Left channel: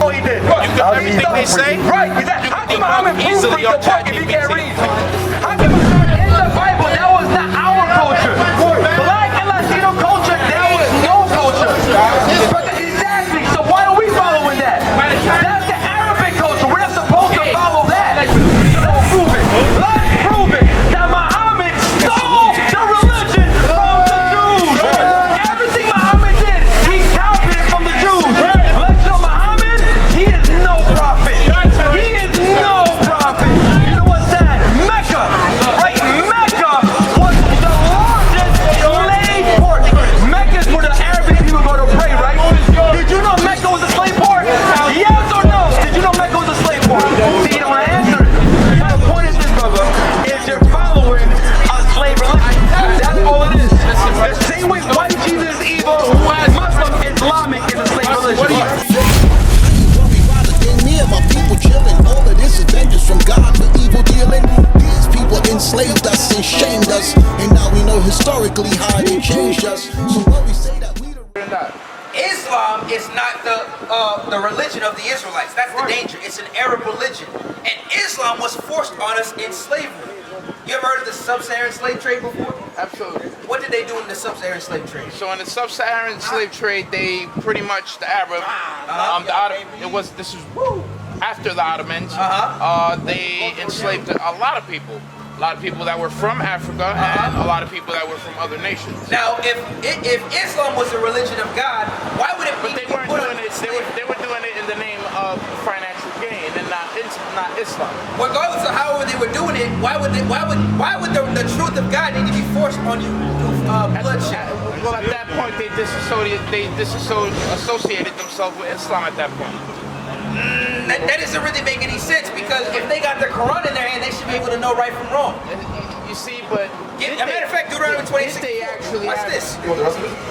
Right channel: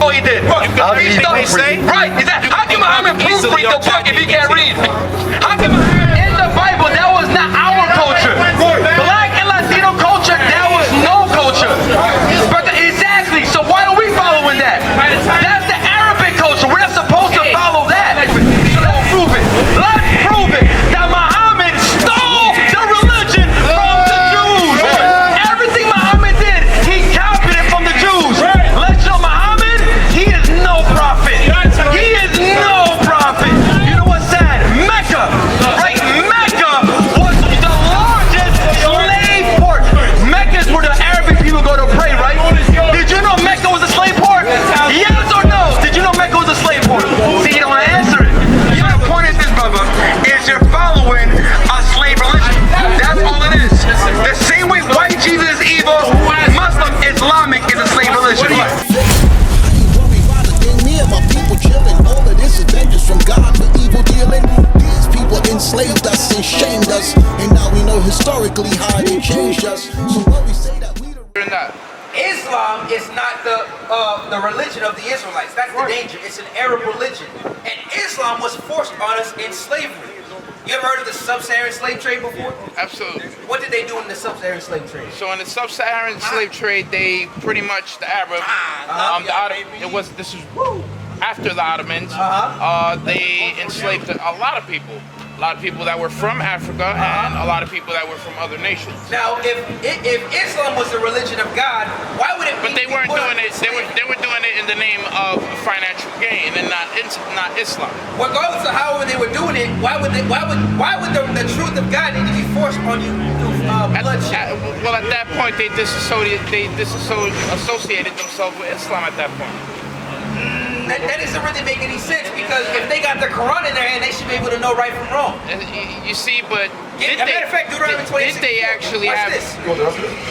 all he did. You can everything they say. Right. Exactly. How can Muhammad easily prove on the book if he can't ChatGPT. read? How come in the Bible that was not our culture? Black and Latino culture, that was no culture. Exactly. So why are we following that? That's the Arabic culture. We're not supposed to follow that. Let's prove it. Let's prove it. That Muhammad stole the religion from the Jews. Everything Muhammad did, he copied it from the Jews. Let's show Muhammad, he is no prophet. He is no prophet. You know what's sad? Mecca, right? Mecca was the largest slave port. Mecca is where the Arabic people go to pray, right? Did you know Mecca was a slave port? Yes or no? Did you know Mecca was a slave port? See, you don't answer it. Yeah, the point is this, brother, is you're following a slave religion. That's all it is. The same way white Jesus is evil, Muslim Islamic is a slave religion. Me and my people chilling. All of this is vengeance from God for evil dealing. These people enslaved us and shamed us, and now we know historically how they changed us. So when we say that we Islam is not the religion of the Israelites. That's the danger. It's an Arab religion. And Islam was forced on us in slavery. You ever heard of the sub-Saharan slave trade before? Absolutely. What did they do in the sub-Saharan slave trade? So in the sub-Saharan slave trade, they pretty much the Arab, this is after the Ottomans. They enslaved a lot of people. A lot of people that were from Africa and a lot of people that were from other nations. Now, if Islam was the religion of God, why would it be? But they weren't doing it. They were doing it in the name of financial gain and not Islam. Regardless of however they were doing it, why would the truth of God need to be forced on you through bloodshed? Well, at that point, they disassociated themselves with Islam at that point. That doesn't really make any sense, because if they got the Quran in their hand, they should be able to know right from wrong. You see, but As a matter of fact, Deuteronomy 26. Did they actually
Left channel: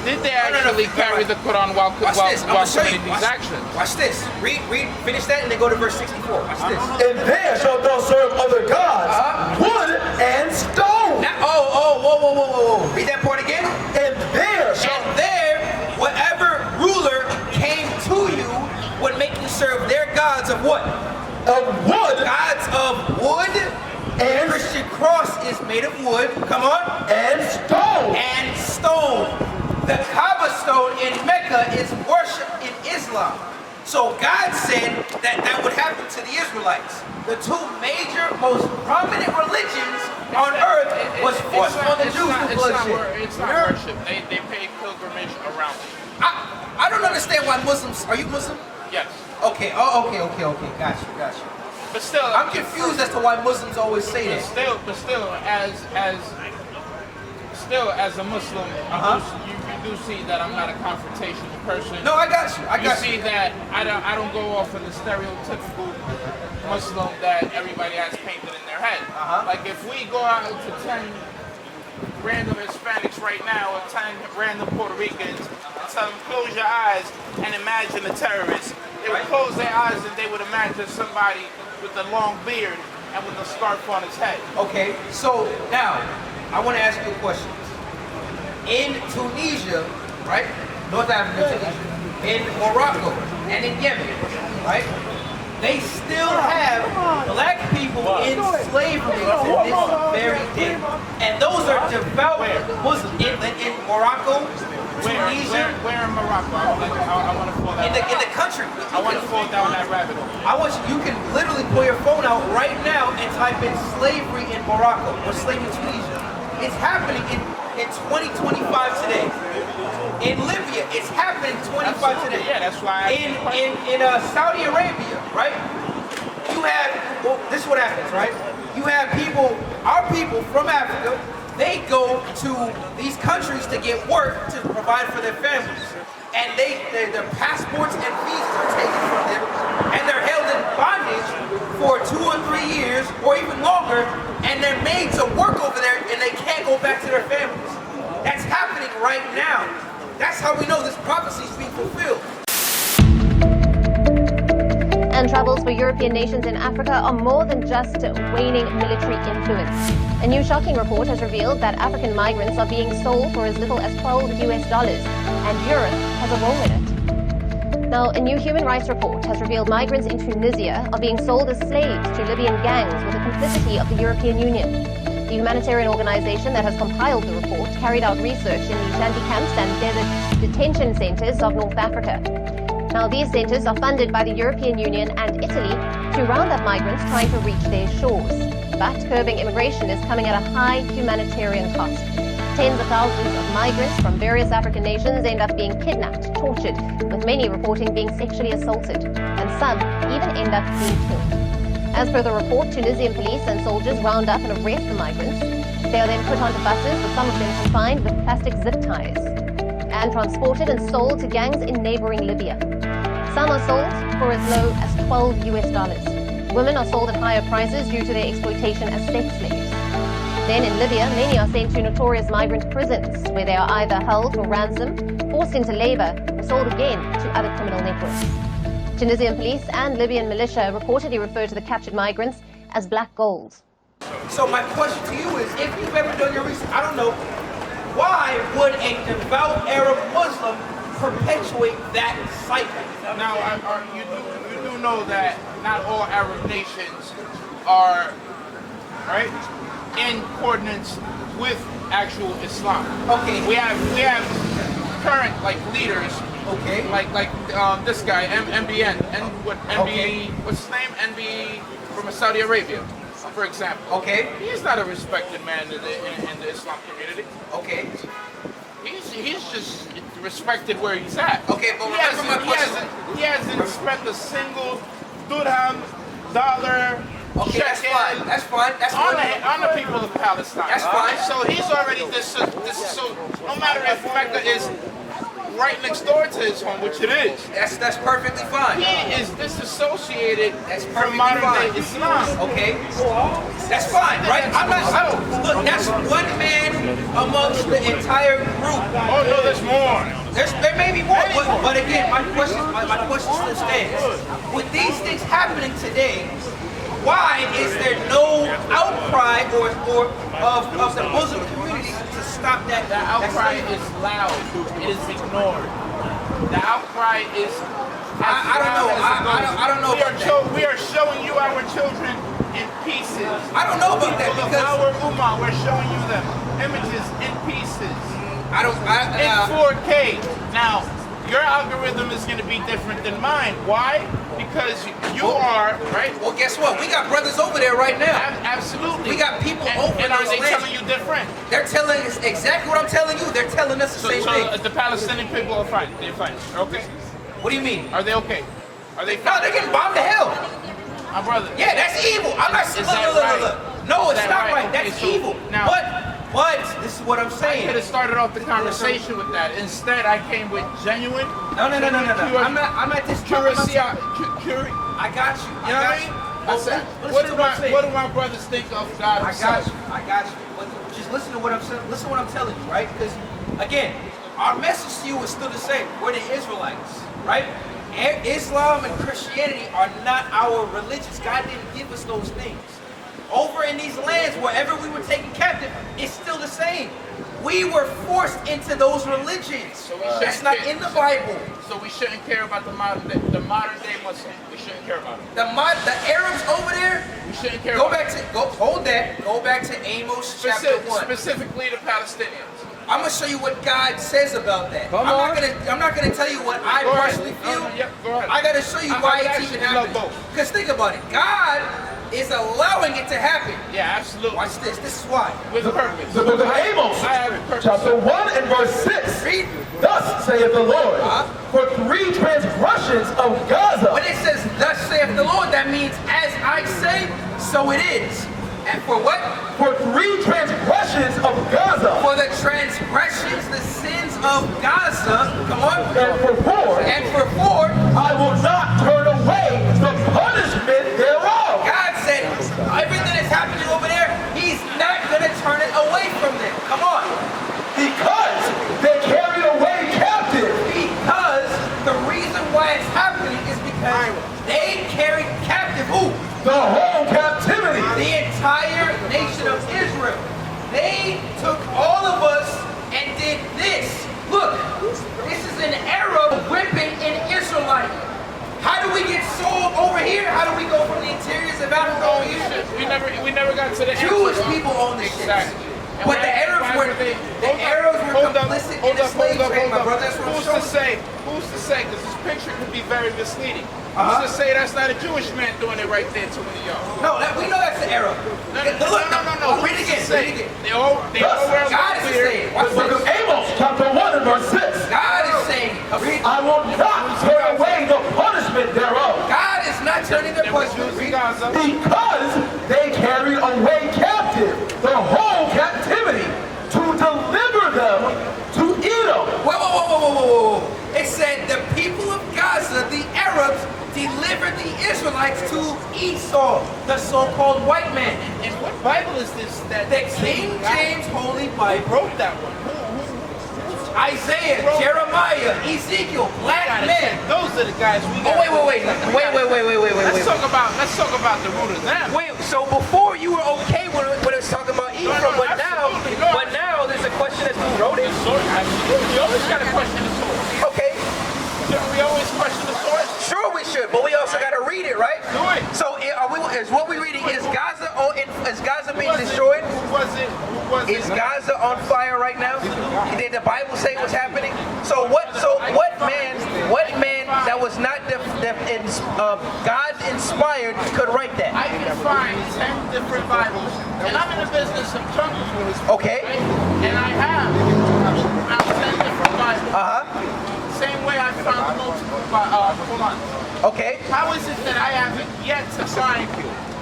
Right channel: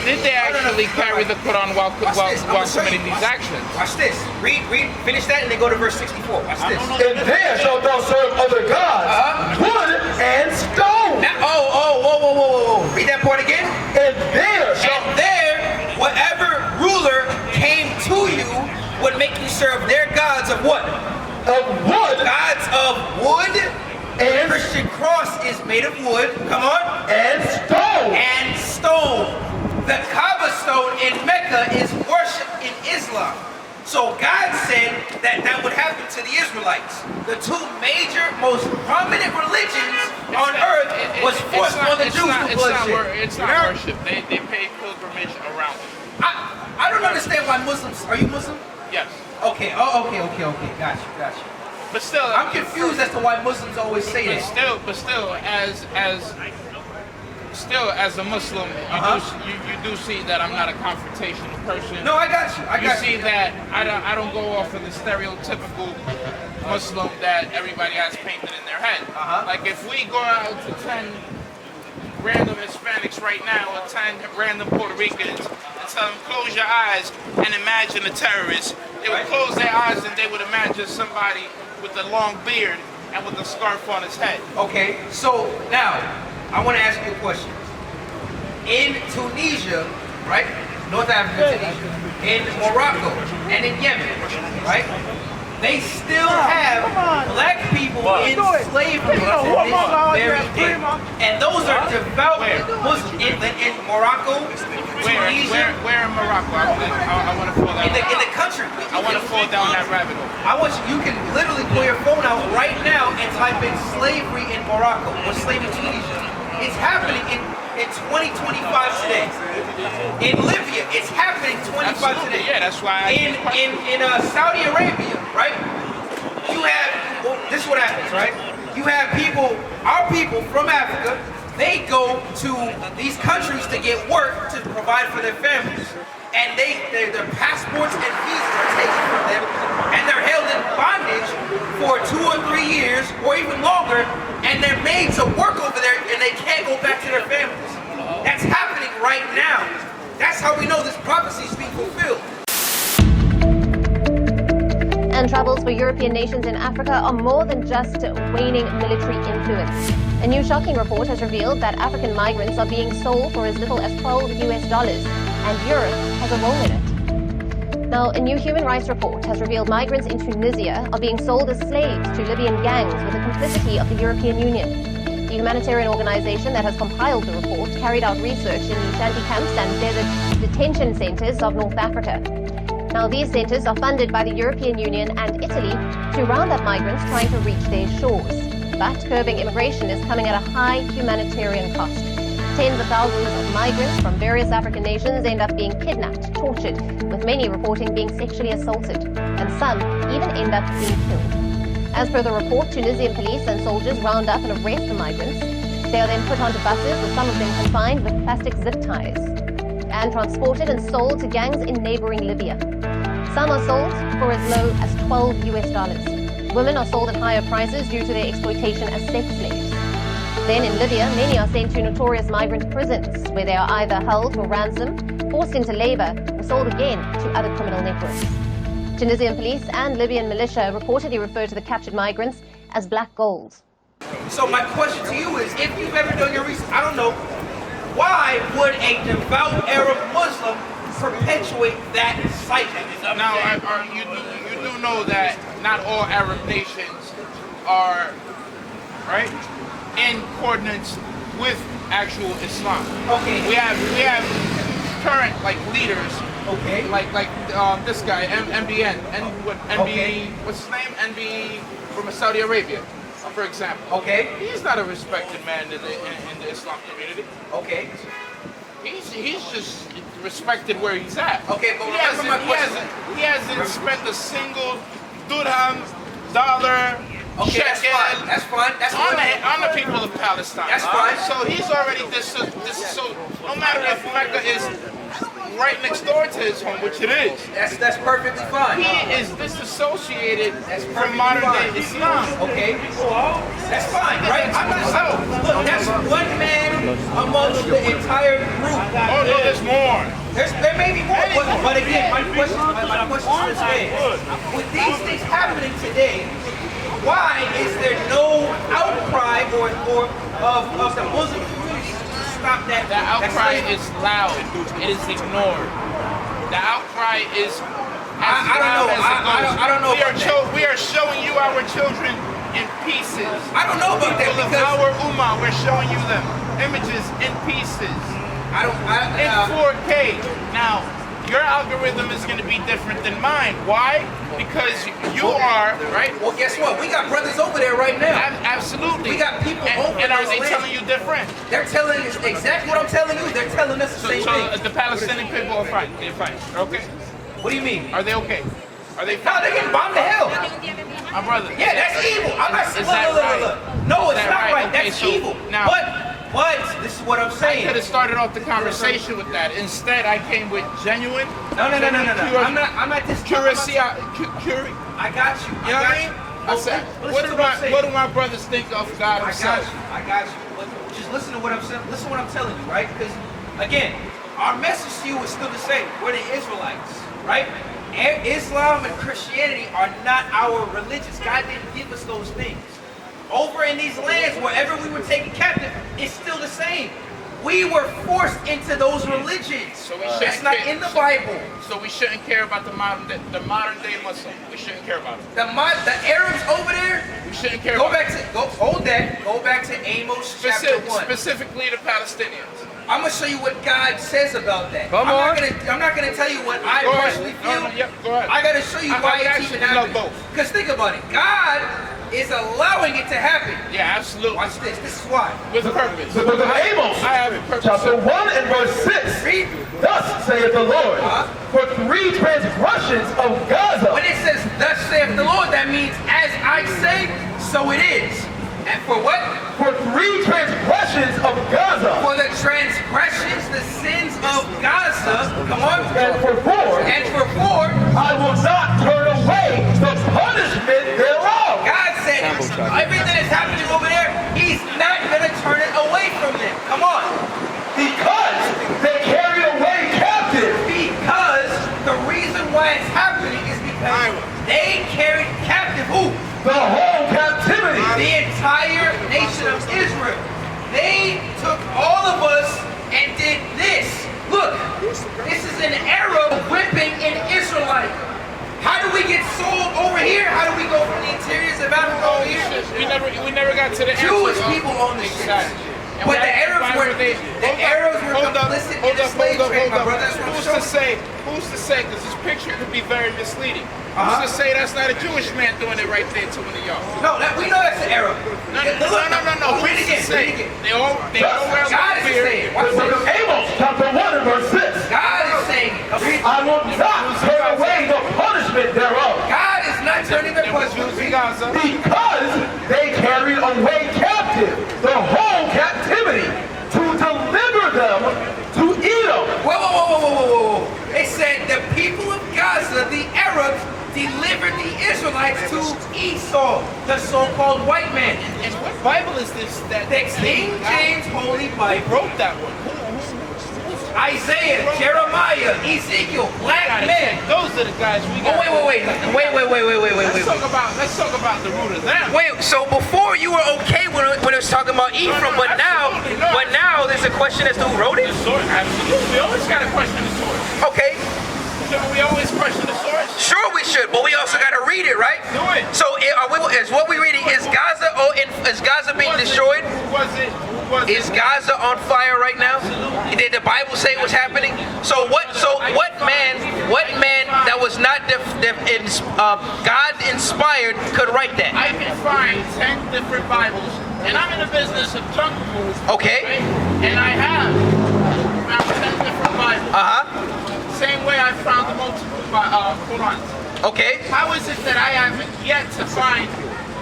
Did they actually carry the Quran while committing these actions? Watch this. Read, finish that, and then go to verse 64. Watch this. And there shalt thou serve other gods, wood and stone. Now, whoa. Read that part again. And there whatever ruler came to you would make you serve their gods of what? Of wood. Gods of wood. And the Christian cross is made of wood. Come on. And stone. And stone. The Kaaba stone in Mecca is worshipped in Islam. So God said that would happen to the Israelites. The two major, most prominent religions on earth was forced on the Jews to bloodshed. It's not worship. They pay pilgrimage around it. I don't understand why Muslims. Are you Muslim? Yes. Okay. Okay. Got you. But still, I'm confused as to why Muslims always say that. But still, as a Muslim, you do see that I'm not a confrontational person. No, I got you. You see that I don't go off of the stereotypical Muslim that everybody has painted in their head. Like if we go out to 10 random Hispanics right now or 10 random Puerto Ricans and tell them close your eyes and imagine a terrorist, they would close their eyes and they would imagine somebody with a long beard and with a scarf on his head. Okay, so now I want to ask you a question. In Tunisia, right? North Africa, Tunisia, in Morocco, and in Yemen, right? They still have black people in slavery to this very day. And those are devout Muslims. In Morocco, Tunisia. Where in Morocco? I want to fall down. In the country. I want to fall down that rabbit hole. I want you can literally pull your phone out right now and type in slavery in Morocco or slavery in Tunisia. It's happening in 2025 today. In Libya, it's happening 25 today. Yeah, that's why. In Saudi Arabia, right? You have, this is what happens, right? You have our people from Africa, they go to these countries to get work to provide for their families. And their passports and visas are taken from them, and they're held in bondage for 2 or 3 years, or even longer, and they're made to work over there, and they can't go back to their families. That's happening right now. That's how we know this prophecy is being fulfilled. And troubles for European nations in Africa are more than just waning military influence. A new shocking report has revealed that African migrants are being sold for as little as $12 US, and Europe has a role in it. Now, a new human rights report has revealed migrants in Tunisia are being sold as slaves to Libyan gangs with the complicity of the European Union. The humanitarian organization that has compiled the report carried out research in the shanty camps and desert detention centers of North Africa. Now, these centers are funded by the European Union and Italy to round up migrants trying to reach their shores. But curbing immigration is coming at a high humanitarian cost. Tens of thousands of migrants from various African nations end up being kidnapped, tortured, with many reporting being sexually assaulted, and some even end up being killed. As per the report, Tunisian police and soldiers round up and arrest the migrants. They are then put onto buses, with some of them confined with plastic zip ties, and transported and sold to gangs in neighboring Libya. Some are sold for as low as $12. Women are sold at higher prices due to their exploitation as sex slaves. Then in Libya, many are sent to notorious migrant prisons, where they are either held for ransom, forced into labor, or sold again to other criminal networks. Tunisian police and Libyan militia reportedly refer to the captured migrants as black gold. So my question to you is, if you've ever done your research, I don't know, why would a devout Arab Muslim perpetuate that cycle? Now, you do know that not all Arab nations are, right, in coordinates with actual Islam. Okay. We have current leaders. Okay. Like this guy MBN and Okay. What's his name? NB from Saudi Arabia, for example. Okay. He's not a respected man in the Islam community. Okay. He's just respected where he's at. Okay, but he hasn't spent a single dirham, dollar. Okay, that's fine. That's fine. That's on the people of Palestine. That's fine. So he's already so no matter if Mecca is right next door to his home, which it is. That's perfectly fine. He is disassociated from perfectly modern fine. day Islam. Okay. That's fine, right? I'm not look, that's one man amongst the entire group. Oh no, there's more. There may be more, but again, my question still stands. With these things happening today, why is there no outcry or of the Muslim community to stop that? The outcry is loud. It is ignored. The outcry is. I don't know. I don't know about that. We are showing you our children in pieces. I don't know about that because our ummah, we're showing you them images in pieces. In 4K. Now, your algorithm is going to be different than mine. Why? Because you are, right? Well, guess what? We got brothers over there right now. Absolutely. We got people over and are they lands. telling you different? They're telling us exactly what I'm telling you. They're telling us the same thing. So the Palestinian people are fine. They're fine. Okay? What do you mean? Are they okay? Are they No, fine? they're getting bombed to hell. My brother. Yeah, that's evil. I'm not Is that right? No, Is it's that not right? right. Okay, That's so evil. now- But this is what I'm I saying. could have started off the conversation with that. Instead, I came with genuine. No. I'm not this Curiosity. I got you. You know what I mean? What do my brothers think of God himself? I got you. But just listen to what I'm saying. Listen to what I'm telling you, right? Because again, our message to you is still the same. We're the Israelites, right? Islam and Christianity are not our religions. God didn't give us those things. Over in these lands, wherever we were taken captive, it's still the same. We were forced into those religions. So that's not in the Bible. So we shouldn't care about the modern day Muslim. We shouldn't care about it. The Arabs over there. We shouldn't care Go about back to hold that. Go back to Amos chapter 1. Specifically the Palestinians. I'm gonna show you what God says about that. I'm not gonna tell you what I personally feel. Go ahead. I gotta show you why it's even happening. Because think about it. God is allowing it to happen. Yeah, absolutely. Watch this. This is why. With purpose. The book of Amos, I have a purpose. chapter 1 and verse 6. Read. Thus saith the Lord, for 3 transgressions of Gaza. When it says, thus saith the Lord, that means as I say, so it is. And for what? For 3 transgressions of Gaza. For the transgressions, the sins of Gaza. Come on. And for 4. And for 4. I will not turn away the punishment thereof. God said, everything that's happening over there, he's not going to turn it away from them. Come on. Because they carried away captive. Because the reason why it's happening is because they carried captive who? The whole captivity. The entire nation of Israel. They took all of us and did this. Look, this is an Arab whipping an Israelite. Israelite. How do we get sold over here? How do we go from the interiors of Africa over here? We never got to the Jewish people own the ships. But the Arabs were complicit in the slave trade, my brother. That's what I'm showing. Who's to say? Because this picture could be very misleading. Who's to say that's not a Jewish man doing it right there to one of y'all? No, we know that's the Arab. No. Read it again. They all wear God is saying. The book of Amos, chapter 1 and verse 6. God is saying. I will not turn away the punishment thereof. God is not turning the punishment. Because they carried away captive the whole captivity to deliver them to Edom. Whoa. It said the people of Gaza, the Arabs, delivered the Israelites to Esau, the so-called white man. And what Bible is this? The King James Holy Bible. Wrote that one. Isaiah, Jeremiah, Ezekiel, black men. Those are the guys we got. Wait. Let's talk about the root of them. Wait, so before you were okay when it was talking about Ephraim, but now there's a question as to who wrote it? Absolutely. We always got to question the source. Okay. Shouldn't we always question the source? Sure we should, but we also got to read it, right? Do it. So is what we reading, is Gaza being destroyed? Who was it? Is Gaza on fire right now? Did the Bible say what's happening? So what man that was not God inspired could write that? I can find 10 different Bibles, and I'm in the business of junk food. Okay. Right? And I have found 10 different Bibles. Same way I found the multiple Qurans. Okay. How is it that I haven't yet to find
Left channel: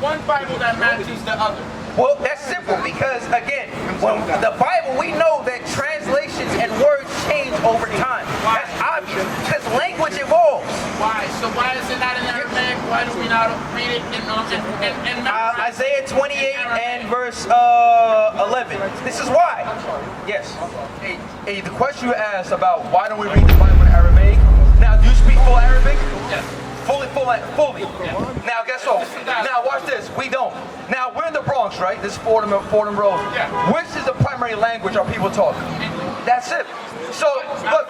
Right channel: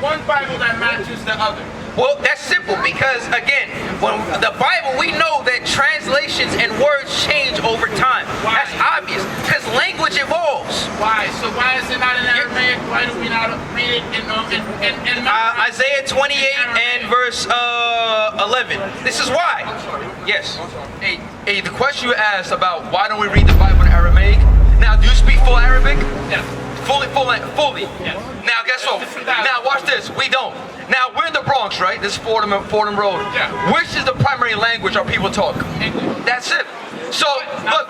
one Bible that matches the other? Well, that's simple because, again, when the Bible, we know that translations and words change over time. Why? That's obvious because language evolves. Why? So why is it not in Aramaic? Why do we not read it in Isaiah 28 and verse 11. This is why. Yes. Hey, the question you asked about why don't we read the Bible in Aramaic? Now, do you speak full Arabic? Yeah. Fully. Yeah. Now, guess what? Now, watch this. We don't. Now, we're in the Bronx, right? This is Fordham Road. Yeah. Which is the primary language our people talk? English. That's it. So, look,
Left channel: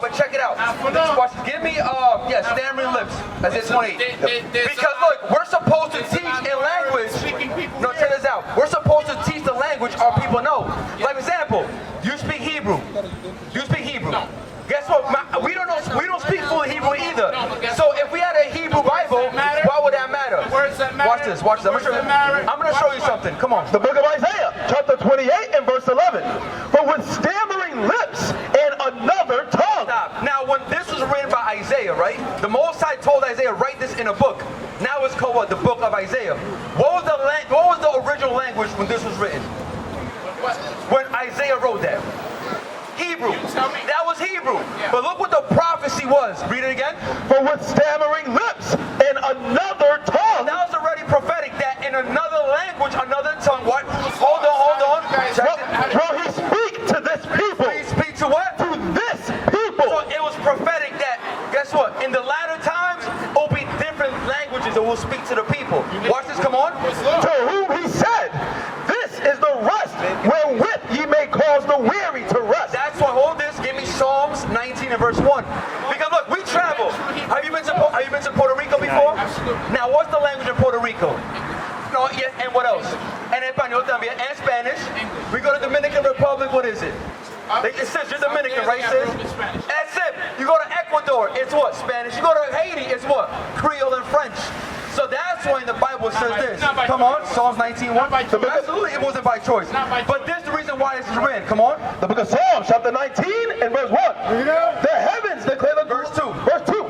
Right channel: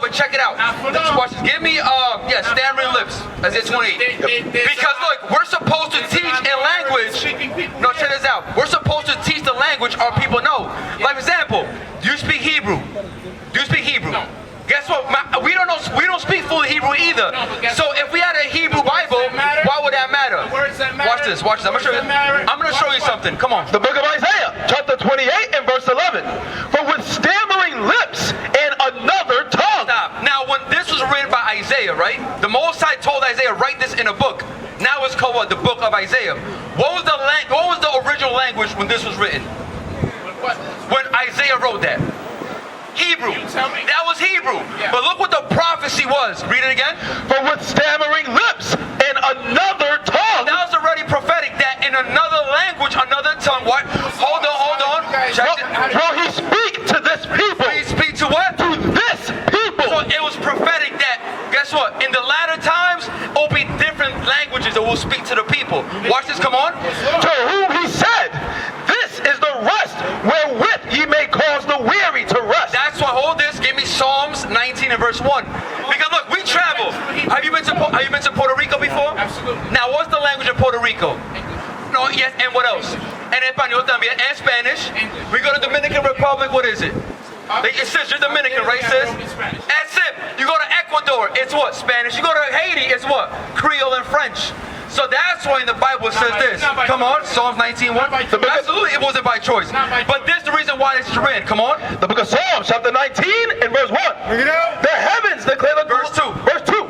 but check it out. Next question. Give me, stammering lips. That's it, 28. Because, look, we're supposed to teach in language. No, check this out. We're supposed to teach the language our people know. Like, example, do you speak Hebrew? No. Guess what? We don't speak fluent Hebrew either. No, so if we had a Hebrew Bible, why would that matter? The words that matter. Watch this. I'm going to show you something. Come on. The book of Isaiah, chapter 28 and verse 11. For with stammering lips and another tongue. Stop. Now, when this was written by Isaiah, right? The Most High told Isaiah, write this in a book. Now it's called what? The book of Isaiah. What was the original language when this was written? What? When Isaiah wrote that? Hebrew. You tell me. That was Hebrew. Yeah. But look what the prophecy was. Read it again. For with stammering lips and another tongue. That was already prophetic that in another language, another tongue. What? Hold on. Will he speak to this people? Will he speak to what? To this people. So it was prophetic that, guess what? In the latter times, it will be different languages that will speak to the people. Watch this, come on. To whom he said, this is the rest wherewith ye may cause the weary to rest. That's why, hold this, give me Psalms 19 and verse 1. Because look, we travel. Have you been to Puerto Rico before? Absolutely. Now, what's the language of Puerto Rico? No, yes, and what else? And Espanol también, and Spanish. English. We go to Dominican Republic, what is it? It says you're Dominican, right, sis? That's it. You go to Ecuador, it's what? Spanish. You go to Haiti, it's what? Creole and French. So that's why in the Bible it says this. Come on, Psalms 19:1. Absolutely, it wasn't by choice. But this is the reason why this is read. Come on. The book of Psalms, chapter 19 and verse 1. The heavens declare the Verse 2. Verse 2.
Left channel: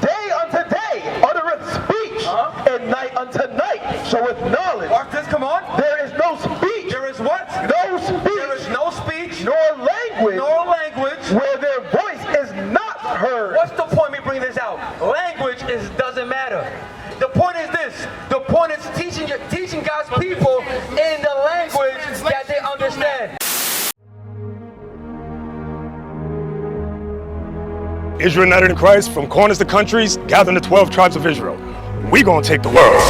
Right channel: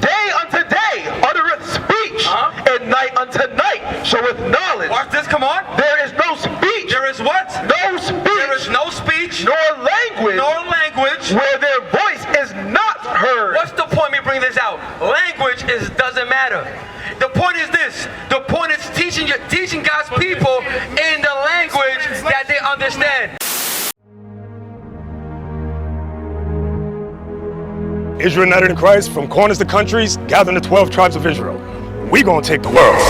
Day unto day uttereth speech, and night unto night showeth knowledge. Watch this, come on. There is no speech. There is what? No speech. There is no speech. Nor language. Where their voice is not heard. What's the point of me bringing this out? Language doesn't matter. The point is this. The point is teaching God's people in the language that they understand. Israel united in Christ, from corners to countries, gathering the 12 tribes of Israel. We gonna take the world.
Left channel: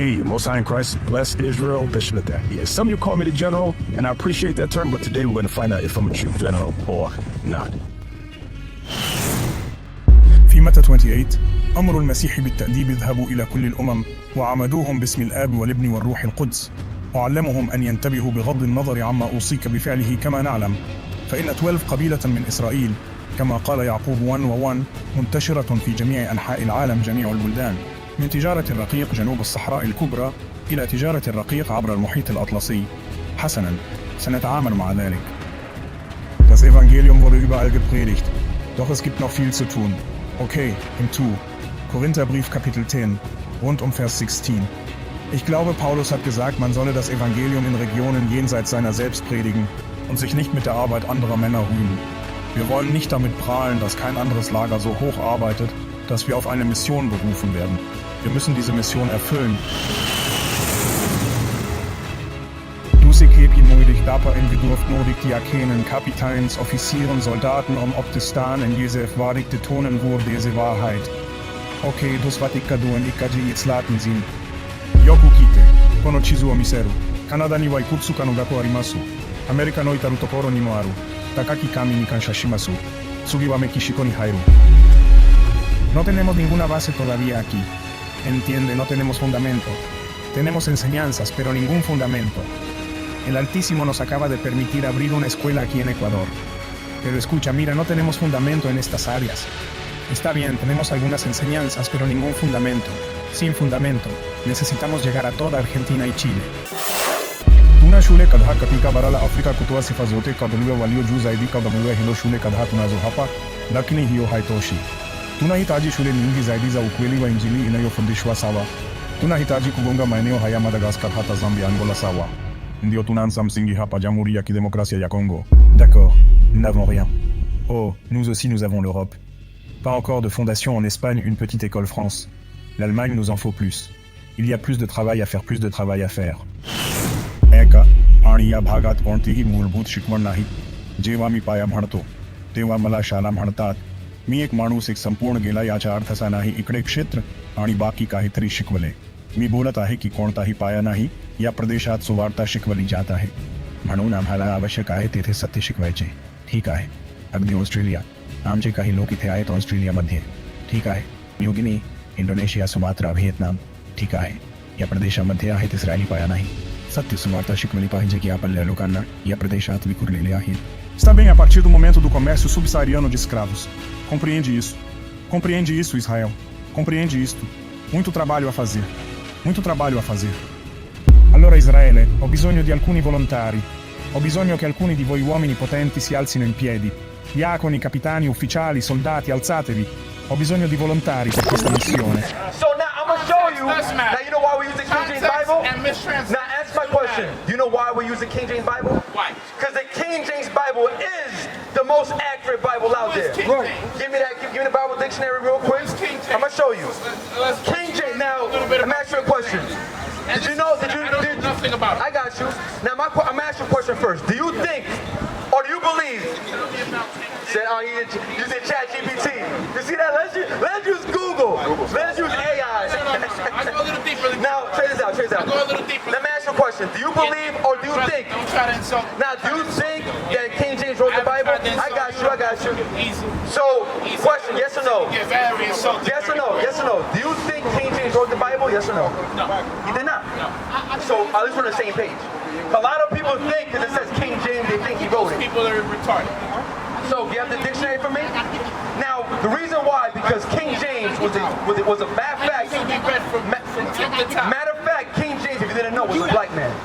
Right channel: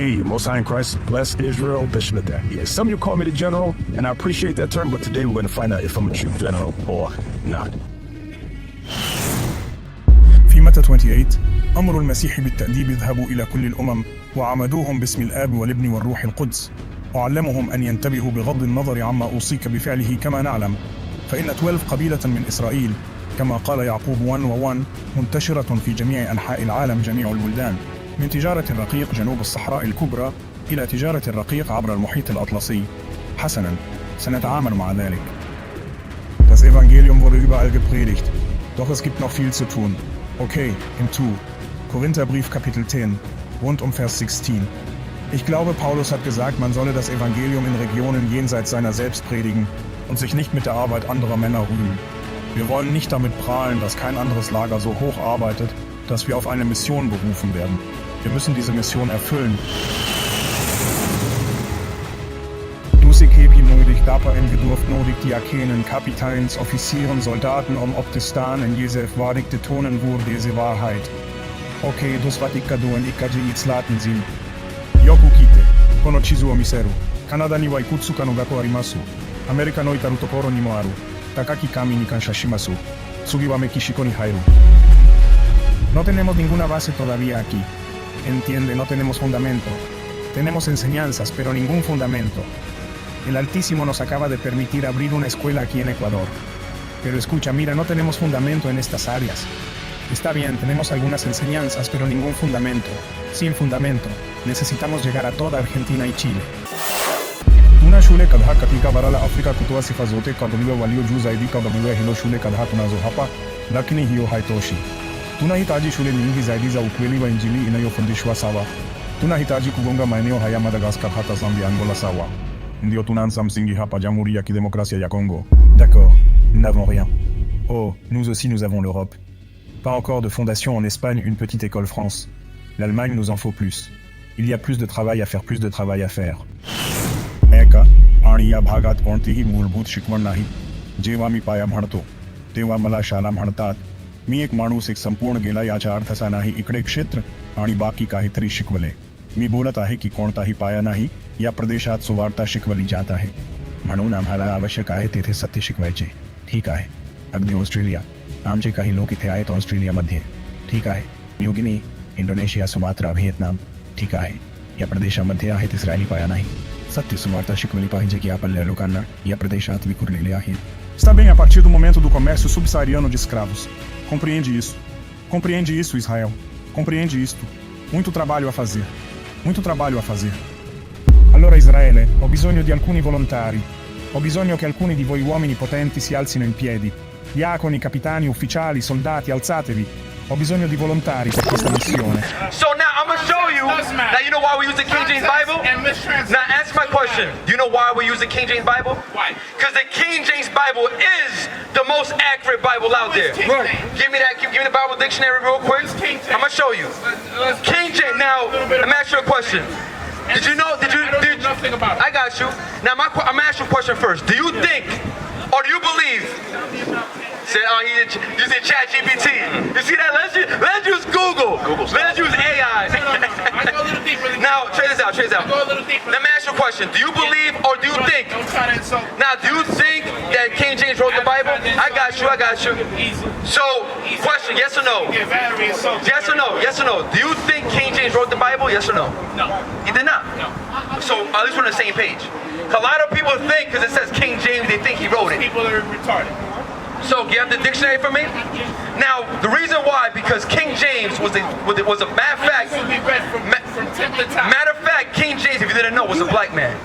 Hey, Most High in Christ, bless Israel, Bishop of that. Yeah, some of you call me the general, and I appreciate that term, but today we're going to find out if I'm a true general or not. في متى 28 أمر المسيح بالتأديب اذهبوا إلى كل الأمم وعمدوهم باسم الآب والابن والروح القدس وعلمهم أن ينتبهوا بغض النظر عما أوصيك بفعله كما نعلم فإن 12 قبيلة من إسرائيل كما قال يعقوب 1:1 منتشرة في جميع أنحاء العالم جميع البلدان من تجارة الرقيق جنوب الصحراء الكبرى إلى تجارة الرقيق عبر المحيط الأطلسي. حسناً، سنتعامل مع ذلك. Das Evangelium wurde überall gepredigt, doch es gibt noch viel zu tun. Okay, im 2. Korintherbrief Kapitel 10, rund um Vers 16. Ich glaube, Paulus hat gesagt, man solle das Evangelium in Regionen jenseits seiner selbst predigen und sich nicht mit der Arbeit anderer Männer rühmen. Wir wollen nicht damit prahlen, dass kein anderes Lager so hoch arbeitet, dass wir auf eine Mission berufen werden. Wir müssen diese Mission erfüllen. Dus ik heb je nodig dapper en gedurft nodig diakenen, kapiteins, officieren, soldaten om op te staan en jezelf waardig te tonen voor deze waarheid. Oké, dus wat ik ga doen, ik ga je iets laten zien. Yoku kite, kono chizu o miseru. Kanada ni wa ikutsu ka no gaku arimasu. Amerika no itaru tokoro ni mo aru. Takaki kami ni kanshashimasu. Tsugi wa Mekishiko ni hairu. No tenemos ninguna base todavía aquí. Entiende, no tenemos fundamento. Tenemos enseñanzas, pero ningún fundamento. El Altísimo nos acaba de permitir abrir una escuela aquí en Ecuador. Pero escucha, mira, no tenemos fundamento en estas áreas. Está bien, tenemos algunas enseñanzas, pero ningún fundamento. Sin fundamento, necesitamos llegar a toda Argentina y Chile. Tuna shule kadha katika bara la Afrika kutoa sifa zote kadoliwa walio juu zaidi kadoliwa hilo shule kadha tunazo hapa, lakini hiyo haitoshi. Tunahitaji shule nyingi zaidi za ukweli wa Injili inayofundishwa sawa. Tunahitaji kugonga maeneo haya Madagascar hata Zambia, Angola sawa. Ndio tunaanza msingi hapa Jamhuri ya Kidemokrasia ya Congo. D'accord, nous n'avons rien. Oh, nous aussi nous avons l'Europe. Pas encore de fondation en Espagne, une petite école France. L'Allemagne nous en faut plus. Il y a plus de travail à faire, plus de travail à faire. Eka, आणि या भागात कोणतीही मूलभूत शिकवण नाही. जेव्हा मी पाया म्हणतो, तेव्हा मला शाळा म्हणतात. मी एक माणूस एक संपूर्ण गेला याचा अर्थ असा नाही इकडे क्षेत्र आणि बाकी काहीतरी शिकवले. मी बोलत आहे की कोणताही पाया नाही या प्रदेशात सुवार्ता शिकवली जात आहे. म्हणून आम्हाला आवश्यक आहे तेथे सत्य शिकवायचे. ठीक आहे. अगदी ऑस्ट्रेलिया. आमचे काही लोक इथे आहेत ऑस्ट्रेलियामध्ये. ठीक आहे. New Guinea, Indonesia, Sumatra, Vietnam. ठीक आहे. या प्रदेशामध्ये आहेत इस्रायली पाया नाही. सत्य सुवार्ता शिकवली पाहिजे की आपल्या लोकांना या प्रदेशात विखुरलेले आहेत. Está bem, a partir do momento do comércio subsaariano de escravos. Compreende isso. Compreende isso, Israel. Compreende isto. Muito trabalho a fazer. Muito trabalho a fazer. Allora Israele, ho bisogno di alcuni volontari. Ho bisogno che alcuni di voi uomini potenti si alzino in piedi. Diaconi, capitani, ufficiali, soldati, alzatevi. Ho bisogno di volontari per questa missione. So now I'm going to show you. Now you know why we use the King James Bible? Now answer my question. You know why we use the King James Bible? Why? Because the King James Bible is the most accurate Bible out there. Give me that. Give me the Bible dictionary real quick. I'm going to show you. King James. Now let me ask you a question. Did you know? Did you? I don't know nothing about it. I got you. Now I'm going to ask you a question first. Do you think, or do you believe? Said, oh, you said ChatGPT. You see that? Let's use Google. Let's use AI. No. I go a little deeper. Now, check this out. I go a little deeper. Let me ask you a question. Do you believe or do you think? Don't try to insult. Now, do you think that King James wrote the Bible? I got you. Easy. So, question, yes or no? Yeah, very insulting. Yes or no? Yes or no? Do you think King James wrote the Bible? Yes or no? No. He did not? No. So, at least we're on the same page. A lot of people think, because it says King James, they think he wrote it. People are retarded. So, you have the dictionary for me? Now, the reason why, because King James was a matter of fact. It will be read from tip to top. Matter of fact, King James, if you didn't know, was a black man.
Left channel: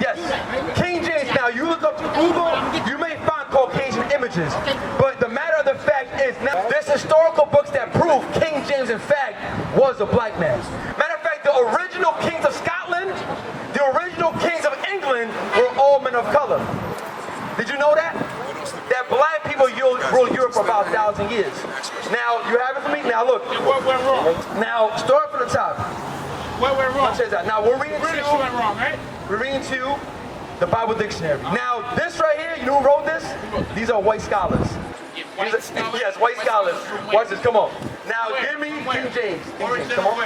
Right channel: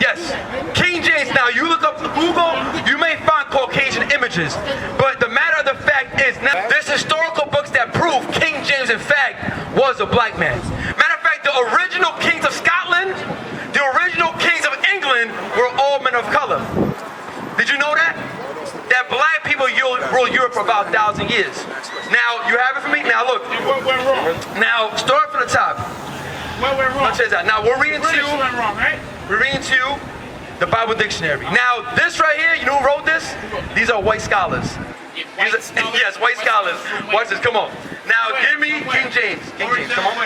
Yes, King James. Now, you look up Google, you may find Caucasian images, but the matter of the fact is, now, there's historical books that prove King James, in fact, was a black man. Matter of fact, the original kings of Scotland, the original kings of England were all men of color. Did you know that? That black people ruled Europe for about 1,000 years. Now, you have it for me? Now, look. And what went wrong? Now, start from the top. What went wrong? Now, we're reading British went wrong, right? We're reading to the Bible dictionary. Now, this right here, you know who wrote this? These are white scholars. White scholars? Yes, white scholars. Watch this, come on. Now, give me King James. King James, come on.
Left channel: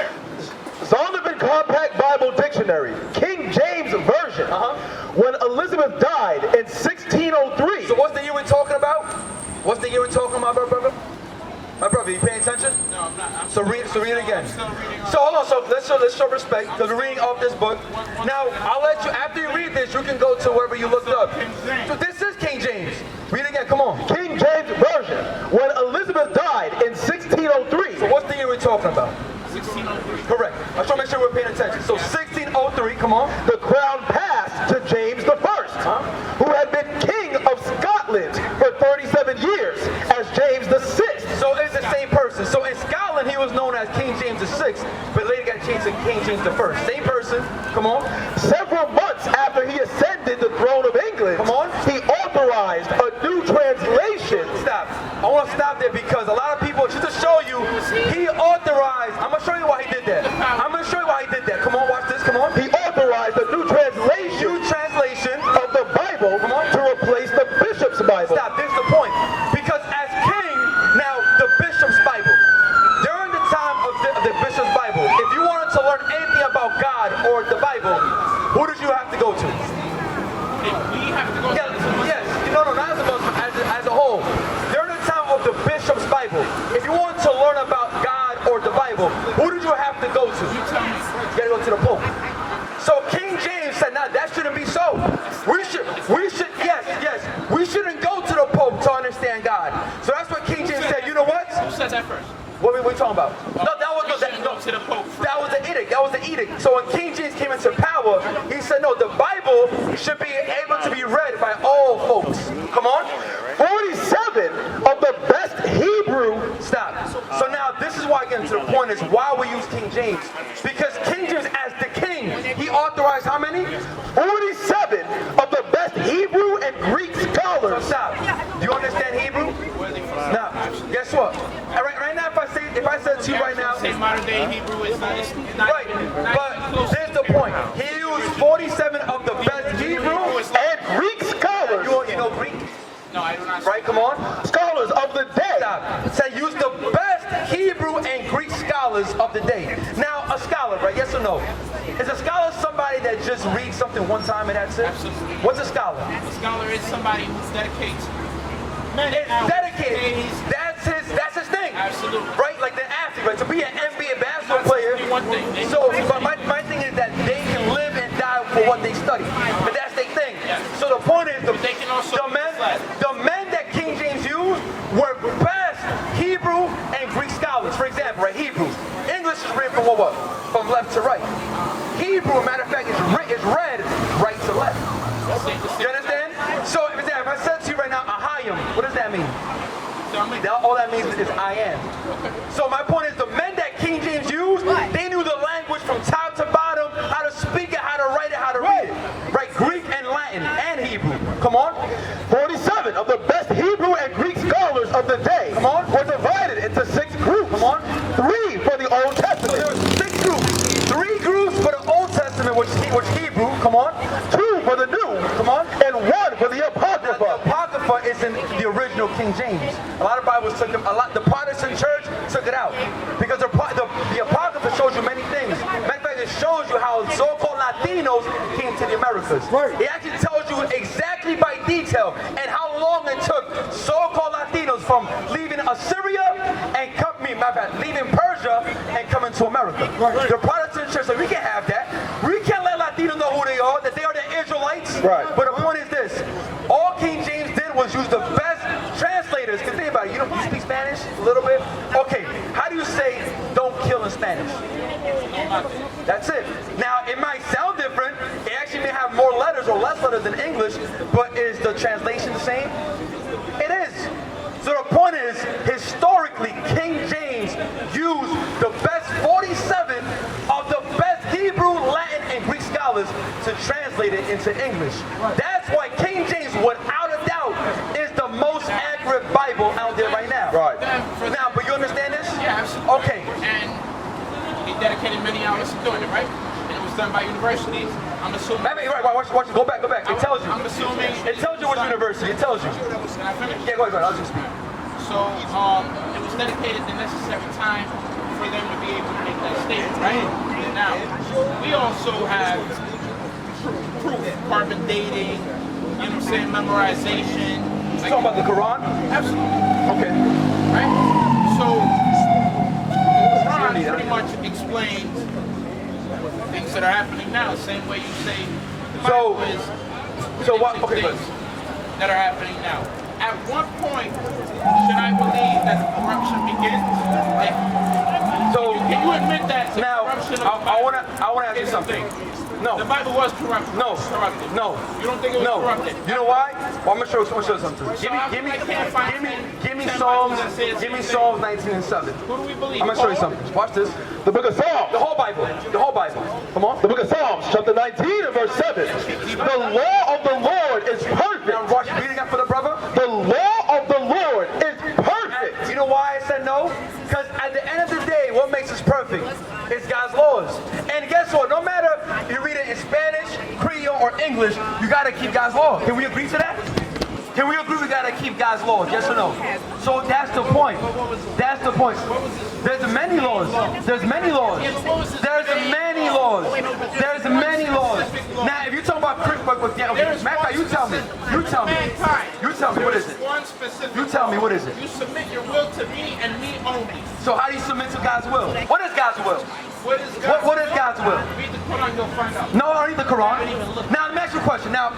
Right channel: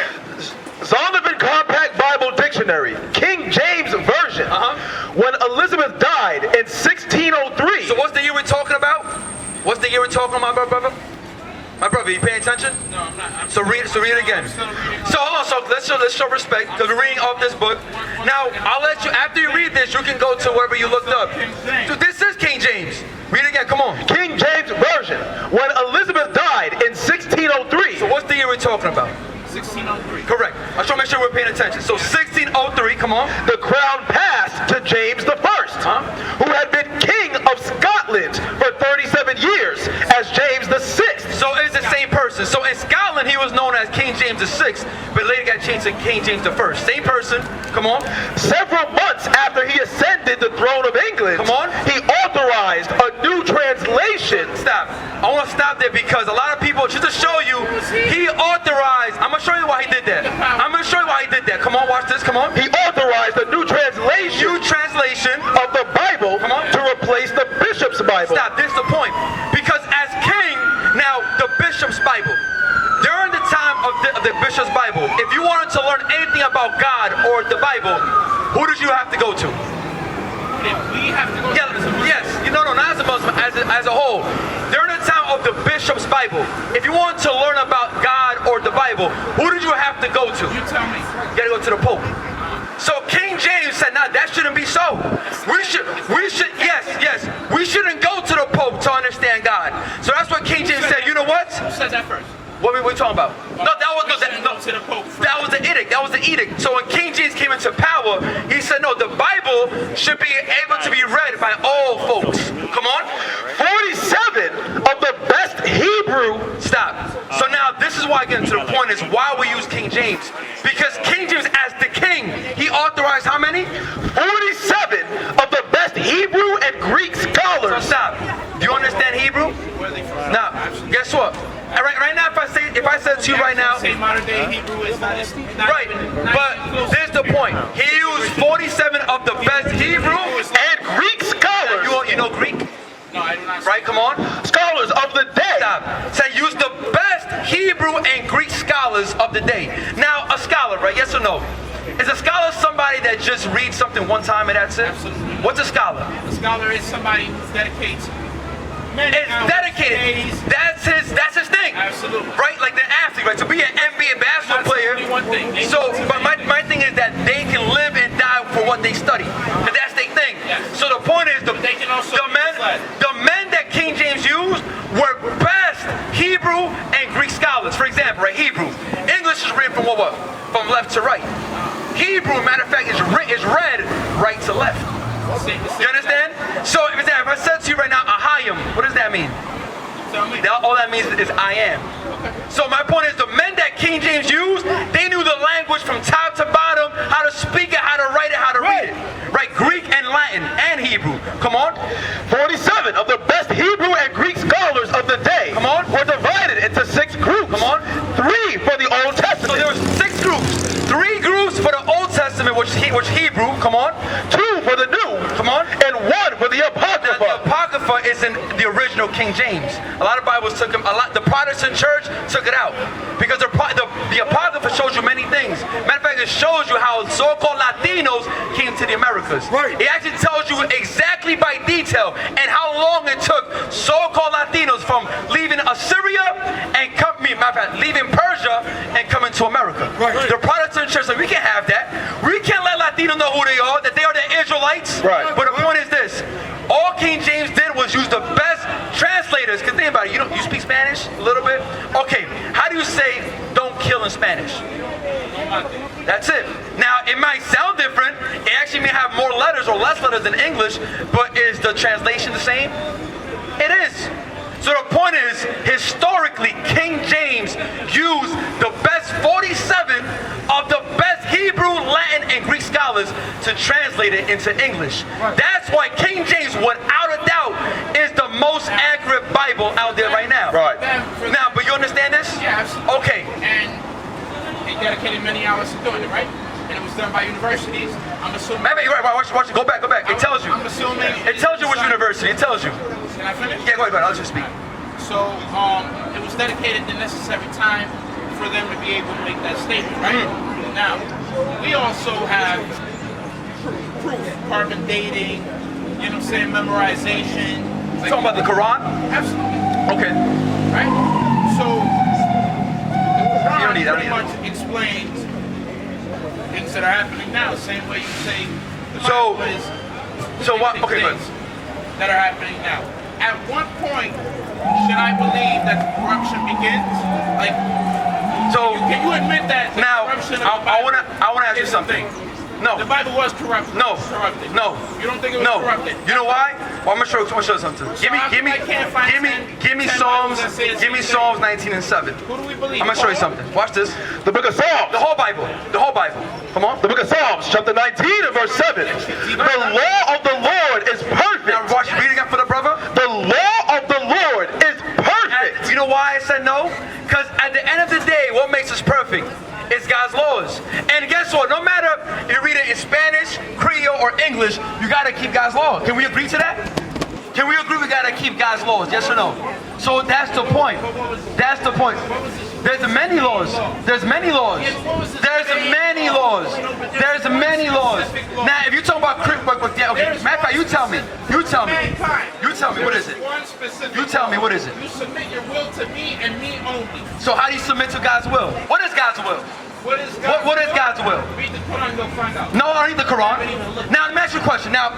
Zondervan Compact Bible Dictionary, King James Version. When Elizabeth died in 1603. So what's the year we're talking about? What's the year we're talking about, brother? My brother, you paying attention? No, I'm not. So read it again. So hold on, so let's show respect, because we're reading off this book. Now, I'll let you, after you read this, you can go to wherever you looked up. So this is King James. Read it again, come on. King James Version. When Elizabeth died in 1603. So what's the year we're talking about? 1603. Correct. I just want to make sure we're paying attention. So 1603, come on. The crown passed to James I, who had been king of Scotland for 37 years as James VI. So it's the same person. So in Scotland, he was known as King James VI, but later got changed to King James I. Same person. Come on. Several months after he ascended the throne of England, come on, he authorized a new translation. Stop. I want to stop there because a lot of people, just to show you, he authorized. I'm going to show you why he did that. I'm going to show you why he did that. Come on, watch this. Come on. He authorized a new translation. Of the Bible to replace the bishop's Bible. Stop, this is the point. Because as king, now the bishop's Bible, during the time of the bishop's Bible, if you wanted to learn anything about God or the Bible, who did you have to go to? We have to go to as a Muslim. Yes, no, not as a Muslim, as a whole. During the time of the bishop's Bible, if you wanted to learn about God or the Bible, who did you have to go to? You tell me. You gotta go to the Pope. So King James said, "Nah, that shouldn't be so. We shouldn't go to the Pope to understand God." So that's what King James said. You know what? Who said that first? What were we talking about? No, that was to the Pope first. That was the edict. That was the edict. So when King James came into power, he said, "No, the Bible should be able to be read by all folks." Come on. 47 of the best Hebrew. Stop. So now this is why I get into the point is why we use King James. Because King James, as the king, he authorized how many? 47 of the best Hebrew and Greek scholars. So stop. Do you understand Hebrew? Now, guess what? Right now, if I said to you right now, say modern day Hebrew is not right. But here's the point. He used 47 of the best Hebrew and Greek scholars. You know Greek? No, I do not. Right, come on. Scholars of the day. Stop. Say use the best Hebrew and Greek scholars of the day. Now, a scholar, right? Yes or no? Is a scholar somebody that just reads something one time and that's it? Absolutely. What's a scholar? A scholar is somebody who dedicates many hours, dedicated. Days. That's his thing. Absolutely. Right? Like the athlete, right? To be an NBA basketball player. One thing. But my thing is that they can live and die for what they study. And that's their thing. Yes. So the point is they can also the men that King James used were best Hebrew and Greek scholars. For example, right? Hebrew. English is written from what? From left to right. Hebrew, matter of fact, is read right to left. You understand? So if I said to you right now, Ahayim, what does that mean? All that means is I am. Okay. So my point is the men that King James used, they knew the language from top to bottom, how to speak it, how to write it, how to read it. Right? Greek and Latin and Hebrew. Come on. 47 of the best Hebrew and Greek scholars of the day. Come on. Were divided into 6 groups. Come on. 3 for the Old Testament. So there were 6 groups. 3 groups for the Old Testament, which Hebrew. Come on. 2 for the New. Come on. And 1 for the Apocrypha. Now, the Apocrypha is in the original King James. A lot of Bibles took them. The Protestant church took it out because the Apocrypha shows you many things. Matter of fact, it shows you how so-called Latinos came to the Americas. Right. It actually tells you exactly by detail and how long it took so-called Latinos from leaving Assyria and leaving Persia and coming to America. Right. The Protestant church said, we can't have that. We can't let Latinos know who they are, that they are the Israelites. Right. But the point is this. All King James did was use the best translators. Because think about it, you speak Spanish a little bit? Okay, how do you say don't kill in Spanish? That's it. Now, it might sound different. It actually may have more letters or less letters than English, but is the translation the same? It is. So the point is, historically, King James used the best 47 of the best Hebrew, Latin, and Greek scholars to translate it into English. That's why King James, without a doubt, is the most accurate Bible out there right now. Right. Now, but you understand this? Yeah, absolutely. Okay. And they dedicated many hours to doing it, right? And it was done by universities. I'm assuming. Maybe you're right. Watch it. Go back. It tells you. I'm assuming. It tells you which university. It tells you. Can I finish? Yeah, go ahead. I'll just speak. So it was dedicated the necessary time for them to be able to make that statement, right? Now, we also have proof, carbon dating, you know what I'm saying, memorization. You talking about the Quran? Absolutely. Okay. Right? So, Quran pretty much explains things that are happening now, same way you say the Bible is things that are happening now. At what point should I believe that the corruption begins? Like, can you admit that the corruption of the Bible I want to ask you something. No. The Bible was corrupted. No. Corrupted. No. You don't think it was corrupted? You know why? Well, I'm gonna show you something. Give me Psalms 19 and 7. Who do we believe? I'm gonna show you something. Watch this. The book of Psalms. The whole Bible. The whole Bible. Come on. The book of Psalms, chapter 19 and verse 7. The law of the Lord is perfect. Now watch reading up for the brother. The law of the Lord is perfect. You know why I said no? Because at the end of the day, what makes us perfect is God's laws. And guess what? No matter if you read it in Spanish, Creole, or English, you gotta keep God's laws. Can we agree to that? Can we agree we gotta keep God's laws? Yes or no? So that's the point. That's the point. There's many laws. There's many laws. There's many laws. There's many laws. Now, if you talk about okay, Matt, you tell me. You tell me. You tell me. What is it? You tell me. What is it? You submit your will to me and me only. So how do you submit to God's will? What is God's will? What is God's what is God's will? Read the Quran, you'll find out. No, I don't read the Quran. Now, let me ask you a question. Now,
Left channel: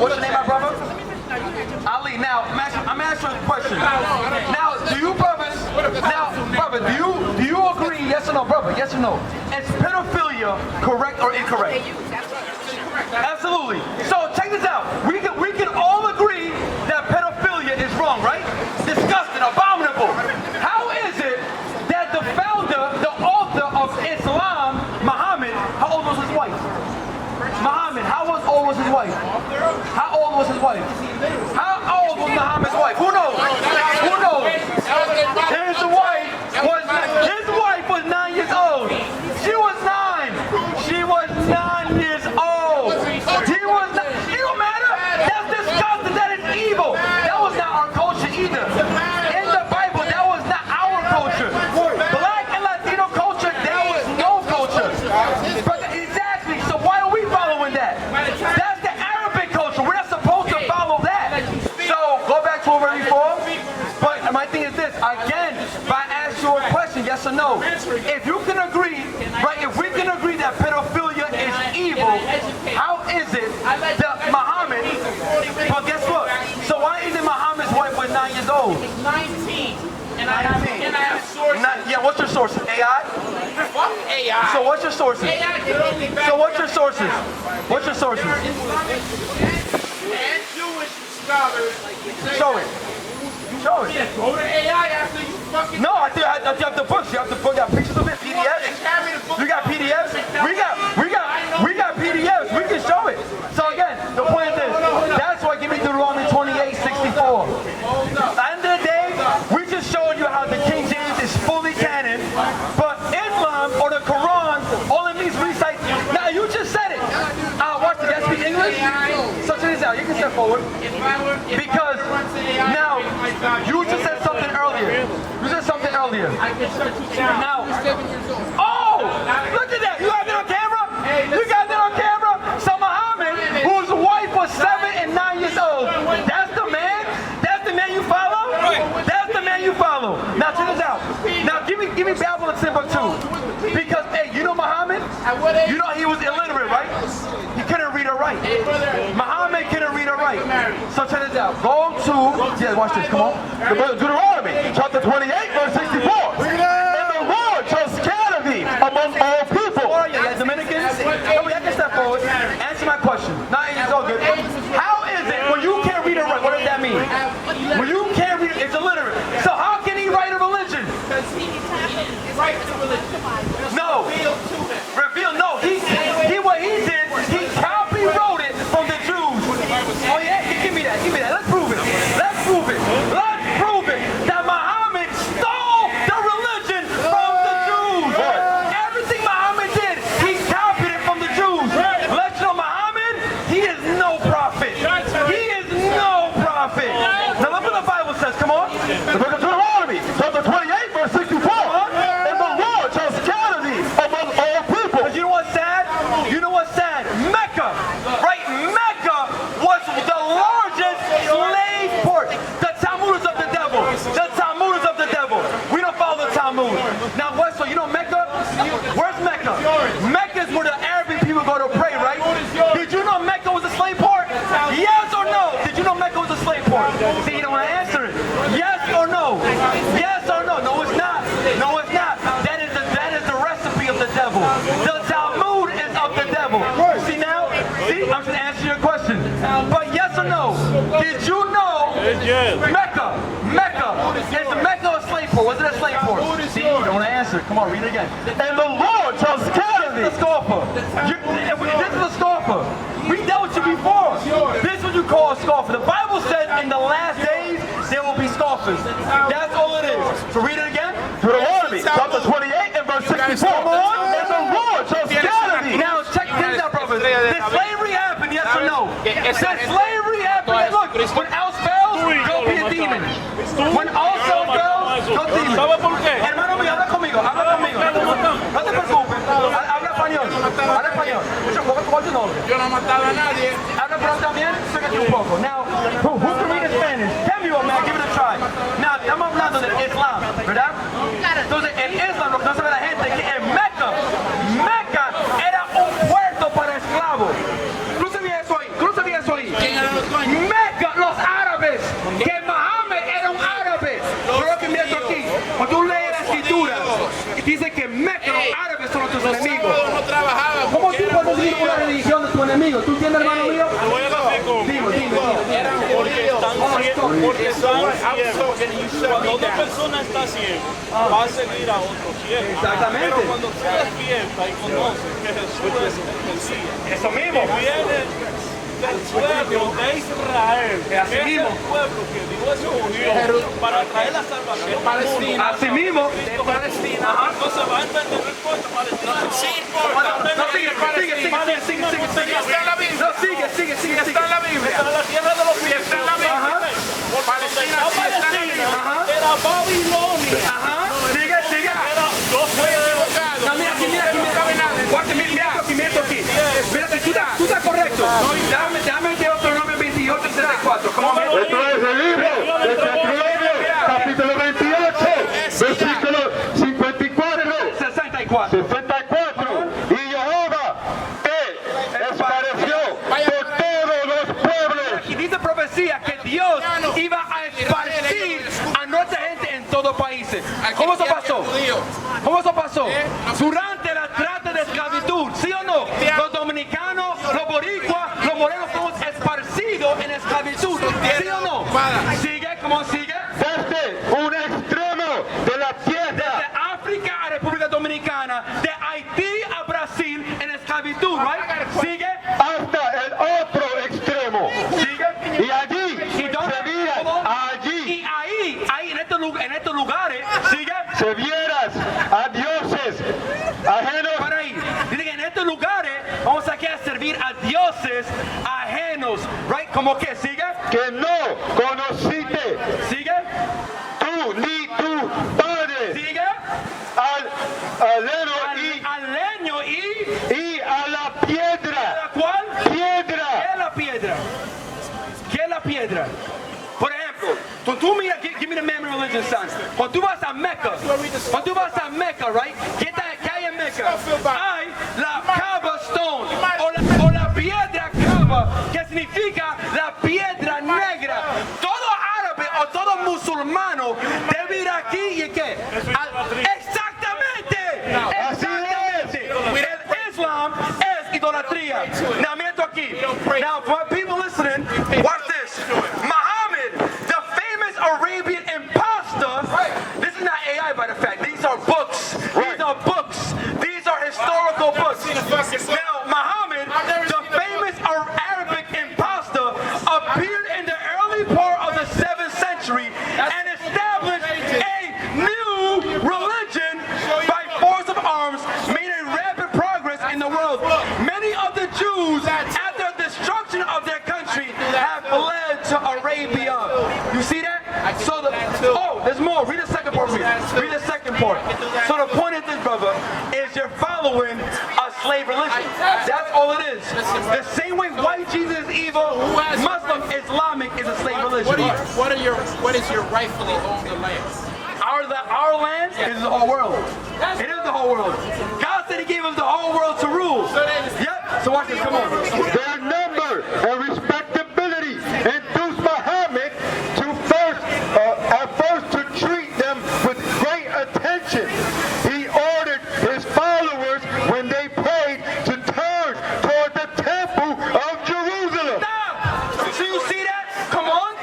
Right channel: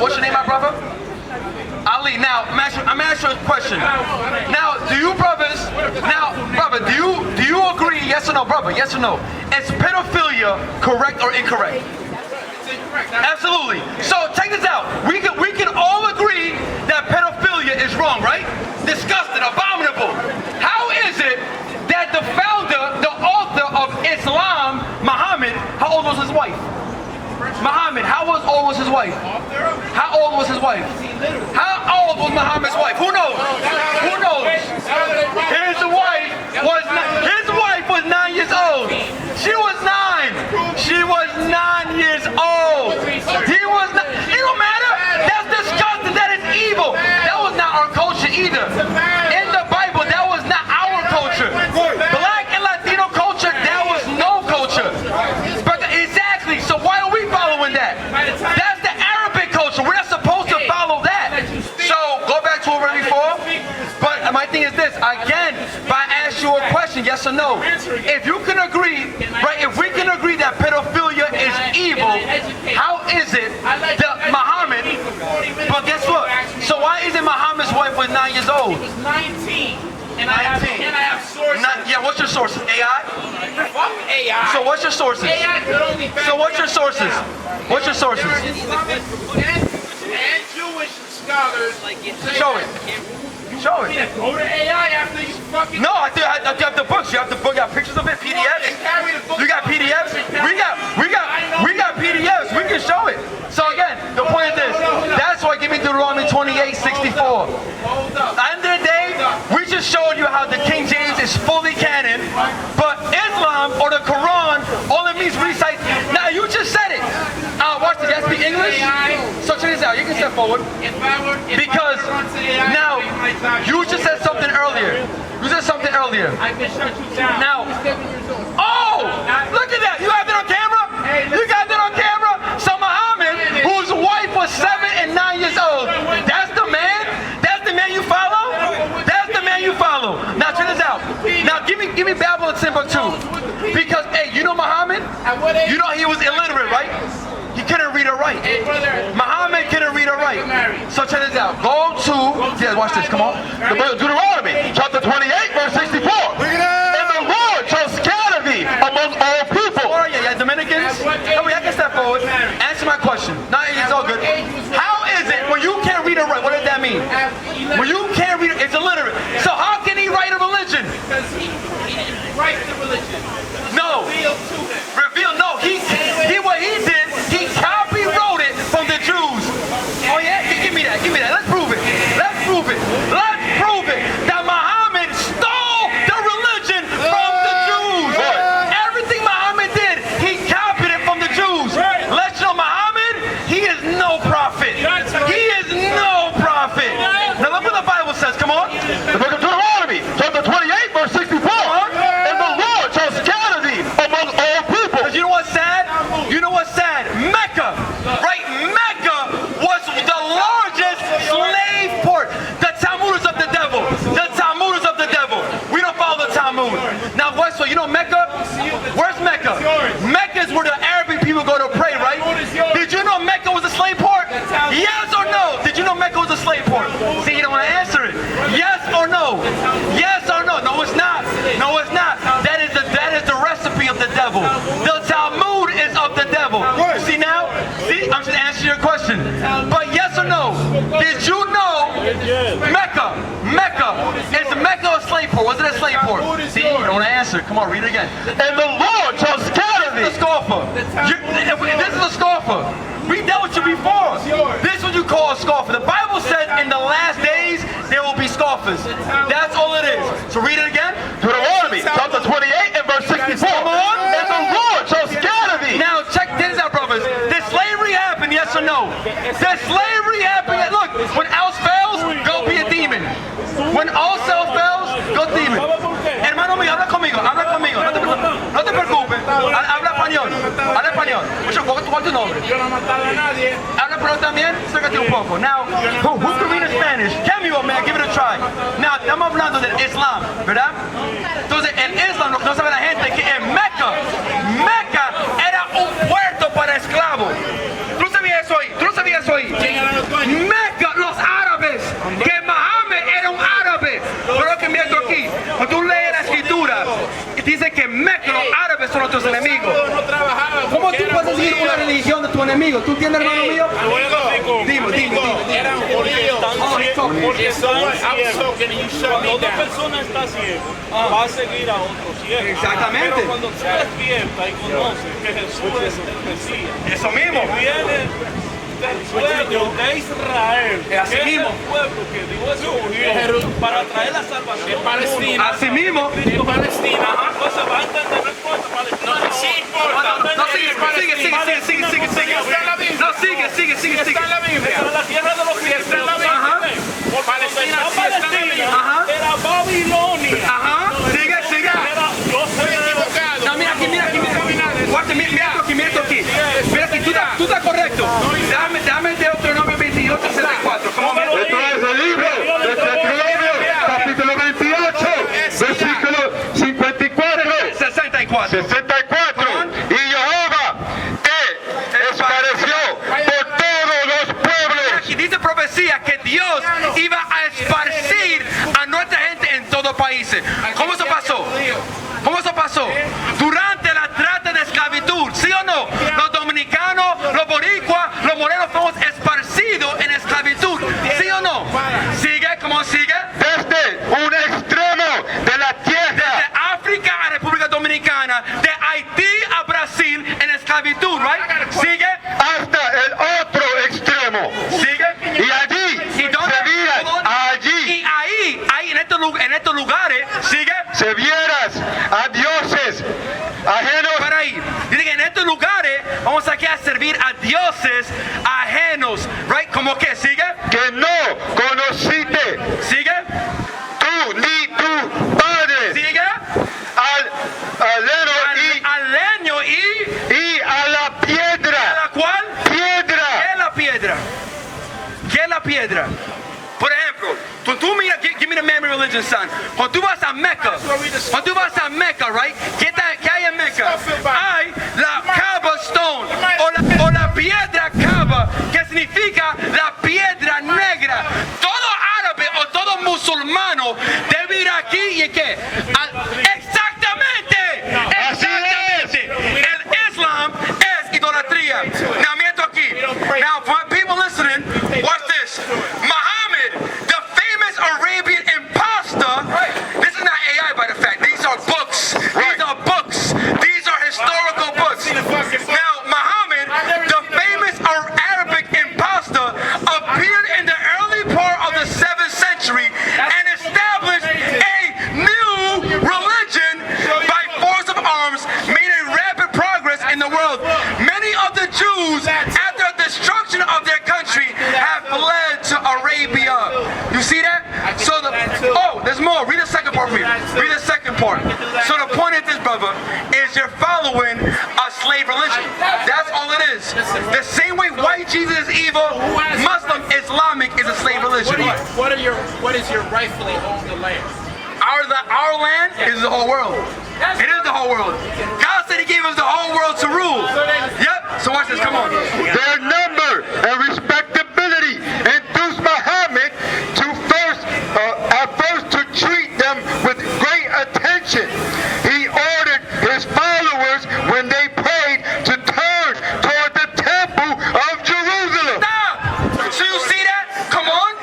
what's your name, my brother? Ali. Now, I'm asking you a question. Now, do you brothers? Now, brother, do you agree? Yes or no, brother? Yes or no? Is pedophilia correct or incorrect? Absolutely. So take this out. We can all agree that pedophilia is wrong, right? Disgusting, abominable. How is it that the founder, the author of Islam, Muhammad, how old was his wife? Muhammad, how old was his wife? How old was his wife? How old was Muhammad's wife? Who knows? Who knows? His wife was 9 years old. She was 9. She was 9 years old. He was not. It don't matter. That's disgusting. That is evil. That was not our culture either. In the Bible, that was not our culture. Black and Latino culture, that was no culture. Exactly. So why are we following that? That's the Arabic culture. We're not supposed to follow that. So go back to what we're before. But my thing is this. Again, if I ask you a question, yes or no, if you can agree, right? If we can agree that pedophilia is evil, how is it that Muhammad? But guess what? So why isn't Muhammad's wife was 9 years old? He was 19. And I have sources. Yeah, what's your sources? AI? Fuck AI. So what's your sources? AI could only back So what's your sources? What's your sources? There are Islamic and Jewish scholars. Show it. Show it. Go to AI after you fucking. No, I got the books. You have the book. You got pictures of it. PDFs. You got PDFs. We got PDFs. We can show it. So again, the point is this. That's why give me Deuteronomy 28:64. Hold up. At the end of the day, we just showed you how the King James is fully canon, but Islam or the Quran, all it means recite. Now you just said it. Watch this. You speak English. So check this out. You can step forward. Because now you just said something earlier. You said something earlier. I can shut you down. Now, look at that. You have it on camera? You got that on camera? So Muhammad, whose wife was 7 and 9 years old, that's the man? That's the man you follow? That's the man you follow. Now check this out. Now give me Babel and Timbuktu. Because, hey, you know Muhammad? You know he was illiterate, right? He couldn't read or write. Muhammad couldn't read or write. So check this out. Go to, yeah, watch this, come on. Deuteronomy, chapter 28, verse 64. And the Lord shall scatter thee among all people. Oh, yeah, Dominicans? Come on, I can step forward. Answer my question. No, it's all good. How is it when you can't read or write? What does that mean? When you can't read, it's illiterate. So how can he write a religion? Because he didn't write the religion. No. Revealed to him. Revealed, no. What he did, he copy wrote it from the Jews. Oh yeah? Give me that. Let's prove it. Let's prove it. That Muhammad stole the religion from the Jews. Everything Muhammad did, he copied it from the Jews. Let's know Muhammad, he Mecca. Mecca is where the Arabic people go to pray, right? Did you know Mecca was a slave port? Yes or no? Did you know Mecca was a slave port? See, you don't want to answer it. Yes or no? Yes or no? No, it's not. No, it's not. That is the recipe of the devil. The Talmud is of the devil. See now? See, I'm just answering your question. But yes or no? Did you know Mecca? Is Mecca a slave port? Was it a slave port? See, you don't want to answer. Come on, read it again. And the Lord chose Galilee. This is a scoffer. This is a scoffer. We dealt with you before. This is what you call a scoffer. The Bible said in the last days there will be scoffers. That's all it is. So read it again. Deuteronomy chapter 28 and verse 64. Come on. And the Lord chose Galilee. Now check this out, brothers. Did slavery happen? Yes or no? Did slavery happen? Look, when else fails, go be a demon. When all else fails, go demon. Hermano mío, habla conmigo. No te preocupes. Habla español. What's your name? Yo no he matado a nadie. Habla español también. Sácate un poco. Now, who can read Spanish? Tell me what, man. Give it a try. Now, estamos hablando del Islam, ¿verdad? Entonces, el Islam, lo que no sabe la gente es que en Mecca era un puerto para esclavos. ¿Tú sabías eso ahí? ¿Quién eran los dueños? Mecca, los árabes. Que Mohammed era un árabe. Pero que mira aquí. Cuando tú lees la escritura, dice que Mecca, los árabes son nuestros enemigos. No trabajaban. ¿Cómo tú puedes decir una religión de tu enemigo? ¿Tú entiendes, hermano mío? Dime. Eran judíos. Porque están ciegos. Cuando una persona está ciega, va a seguir a otro ciego. Exactamente. Pero cuando se despierta y conoce que Jesús es el Mesías, Eso mismo. que viene del pueblo de Israel, que es el pueblo que Dios escogió para traer la salvación de Palestina. Así mismo. De Palestina. Entonces va a entender, no importa Palestina. Sí importa. No, sigue. Sigue. Está en la Biblia. Está en la tierra de los Sí, está en la Biblia. Porque Palestina donde sí está en la Palestina Biblia. era Babilonia. Sigue. Yo soy Equivocado. No, mira aquí. Guarda, mira aquí. Mira aquí, tú estás correcto. Dame de otro nombre 28, 64. Esto es el libro de Deuteronomio, capítulo 28, versículo 54. Y Jehová te esparció por todos los pueblos. Aquí dice profecía que Dios iba a esparcir a nuestra gente en todos países. ¿Cómo eso pasó? Durante la trata de esclavitud, ¿sí o no? Los dominicanos, los boricuas, los morenos fuimos esparcidos en esclavitud, ¿sí o no? Sigue. Desde un extremo de la tierra, De África a República Dominicana, de Haití a Brasil en esclavitud, right? Sigue. hasta el otro extremo. Y allí, se vieras allí. Y ahí en estos lugares, sigue. Se vieras a dioses ajenos. Para ahí. Dice que en estos lugares vamos aquí a servir a dioses ajenos, right? ¿Cómo que sigue? Que no conociste Sigue. tú ni tu padre. Sigue. Al leño y a la piedra. ¿La cual? Piedra. ¿Qué es la piedra? Por ejemplo, cuando tú miras, give me the memory religion, son. Cuando tú vas a Mecca, right? ¿Qué hay en Mecca? Hay la Kaaba Stone, o la piedra Kaaba, que significa la piedra negra. Todo árabe o todo musulmano debe ir aquí y ¿qué? Exactamente. El Islam es idolatría. Now, mira esto aquí. Now, for people listening, watch this. Muhammad, the famous Arabian impostor. This is not AI by the fact. These are books. These are historical books. Now, Muhammad, the famous Arabic impostor, appeared in the early part of the 7th century and established a new religion by force of arms, made a rapid progress in the world. Many of the Jews, after the destruction of their country, have fled to Arabia. You see that? There's more. Read the second part for me. Read the second part. So the point of this, brother, is you're following a slave religion. That's all it is. The same way white Jesus is evil, Muslim Islamic is a slave religion. What is your rightfully owned land? Our land is the whole world. It is the whole world. God said he gave us the whole world to rule. Yep. So watch this. Come on. Their number and respectability induced Muhammad to first to treat them with great attention. He ordered his followers when they prayed to turn toward the temple of Jerusalem. Stop! So you see that? Come on.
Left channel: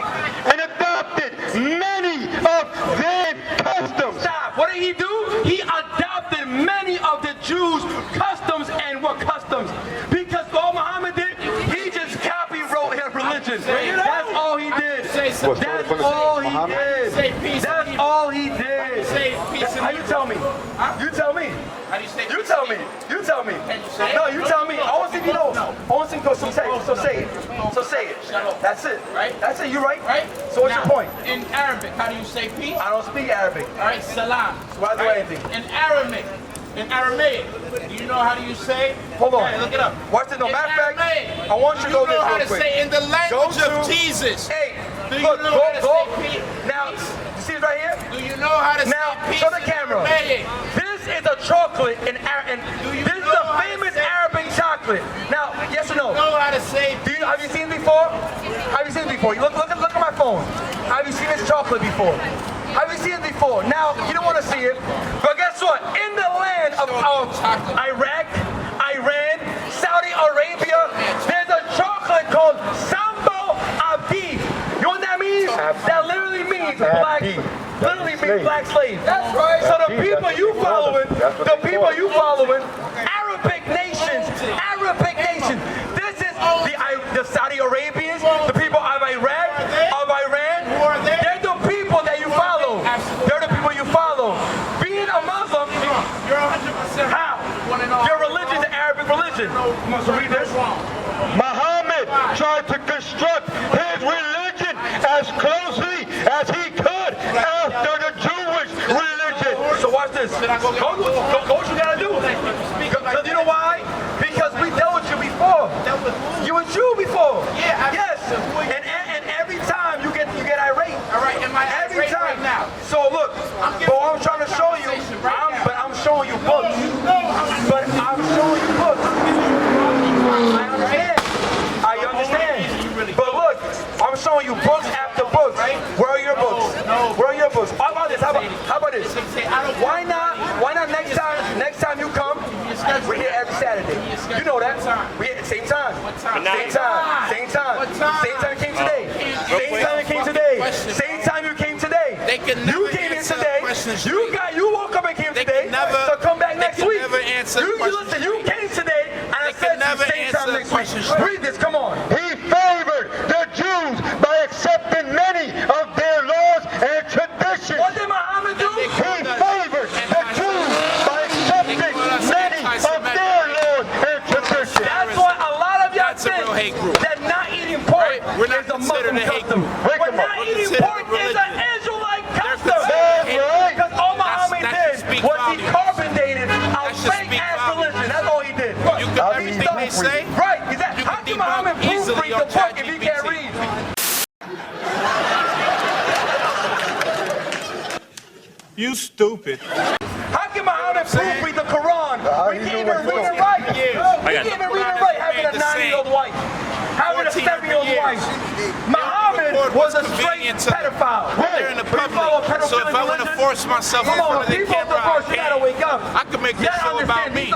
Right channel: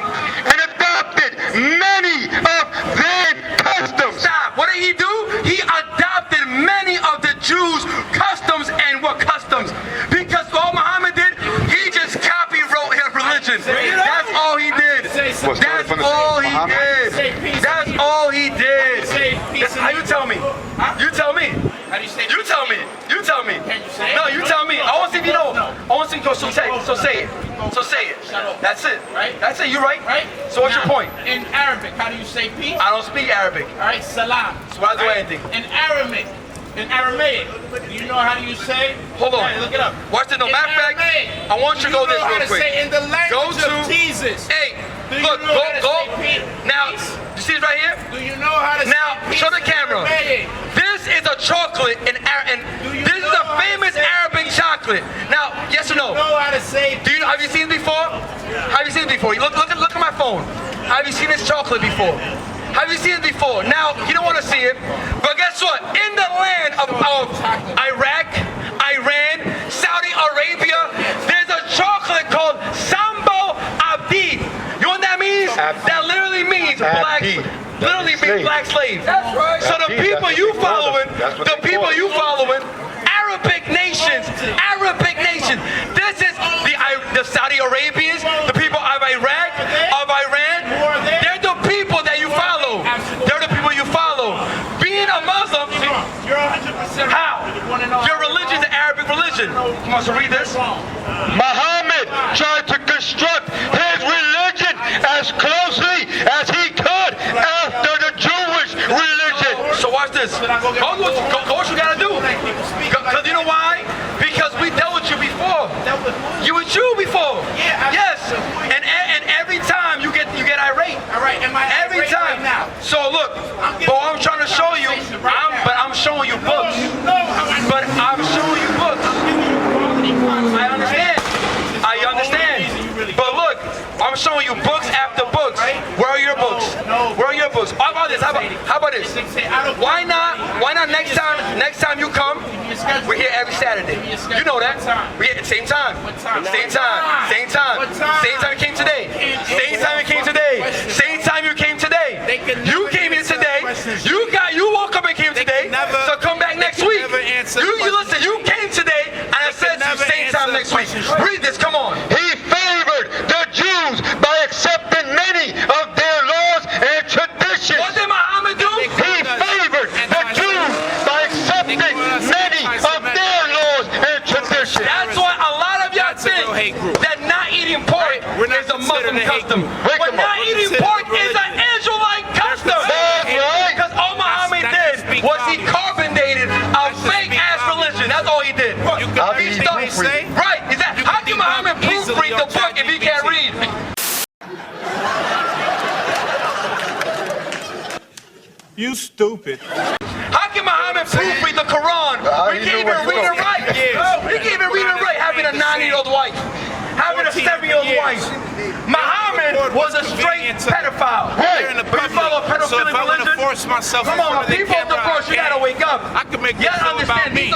And adopted many of their customs. Stop. What did he do? He adopted many of the Jews' customs. And what customs? Because all Muhammad did, he just copy-wrote his religion. That's all he did. That's all he did. That's all he did. How you tell me? You tell me. How do you say? You tell me. You tell me. Can you say it? No, you tell me. I want to see if you know. I want to see if you know. So say it. So say it. That's it. Right? That's it. You're right. Right? So what's Now, your point? In Arabic, how do you say peace? I don't speak Arabic. All right, salam. So why do I anything? In Aramaic, do you know how do you say? Hold on. Hey, look it up. Watch this. No, In matter of fact, Aramaic, I want you to go this know how real to quick. say in the language Go of to- Jesus? Hey, Do you look, know how to go. say peace? Now, you see this right here? Do you know how to Now, say peace show the in camera. Aramaic? This is a chocolate in this is know a how to famous say- Arabic chocolate. Now, yes or no? Know how to say Have you seen it before? Have you seen it before? Look at my phone. Have you seen this chocolate before? Have you seen it before? Now, you don't want to see it, but guess what? In the land of Iraq, Iran, Saudi Arabia, there's a chocolate called Sambo Abdi. You know what that means? That literally means black. Literally means black slave. That's right. So the people you following, Arabic nations. This is the Saudi Arabians, the people of Iraq, of Iran. They're the people that you follow. They're the people you follow. Being a Muslim, You're 100% how? Your religion is the Arabic religion. You want to read this? Muhammad tried to construct his religion as closely as he could after the Jewish religion. So watch this. Go what you gotta do. Because you know why? Because we dealt with you before. You were Jew before. Yeah. Yes. And every time you get irate. All right, am I Every irate time. right now? So look, but I'm trying to show you. But I'm showing you books. But I'm showing you books. I understand. But look, I'm showing you books after books. Where are your books? Where are your books? How about this? How about this? Why not next time you come, we're here every Saturday. You know that. We're here at the same time. Same time you came today. Same time you came today. Same time you came today. You came in today. You woke up and came today. So come back next week. Listen, you came today and I said to you same time next week. Read this, come on. He favored the Jews by accepting many of their laws and traditions. What did Muhammad do? He favored the Jews by accepting many of their laws and traditions. That's why a lot of y'all think that not eating pork is a Muslim custom. But not eating pork is an Israelite custom. Because all Muhammad did was he carbonated a fake ass religion. That's all he did. You can everything they say. Right. How can Muhammad proofread the book if he can't read? You stupid. How can Muhammad proofread the Quran? We can't even read it right. We can't even read it right having a 9-year-old wife. Having a 7-year-old wife. Muhammad was a straight pedophile. They're in the public. So if I want to force myself in front of the camera, I can. I can make this show about me.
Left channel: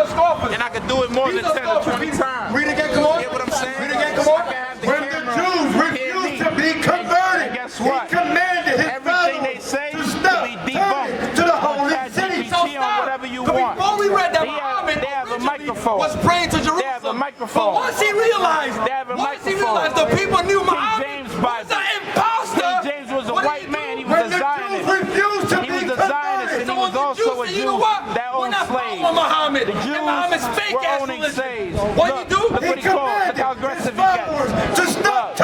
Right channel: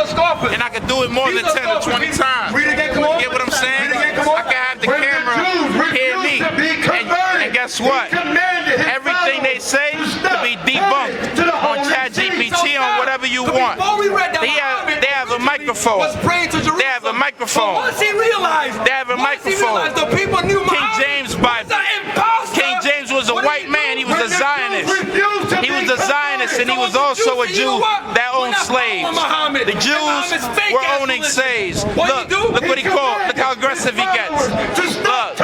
And I can do it more than 10 or 20 times. Read again, come on. You get what I'm saying? Read again, come on. I can have the When camera the Jews hear me. refused to be converted, And guess what? he commanded his Everything they say to be debunked to the on holy ChatGPT, on whatever you want. Before we read that, They have a microphone. was praying to Jerusalem. They have a microphone. But once he realized, They have a once he microphone. realized the people knew King Muhammad James was Bible. an imposter. King James was a What did white he man. do? He was a Zionist. He was a Zionist, and he was also a Jew that owned slaves. The Jews were owning slaves. Look what he called. Look how aggressive he gets. Look,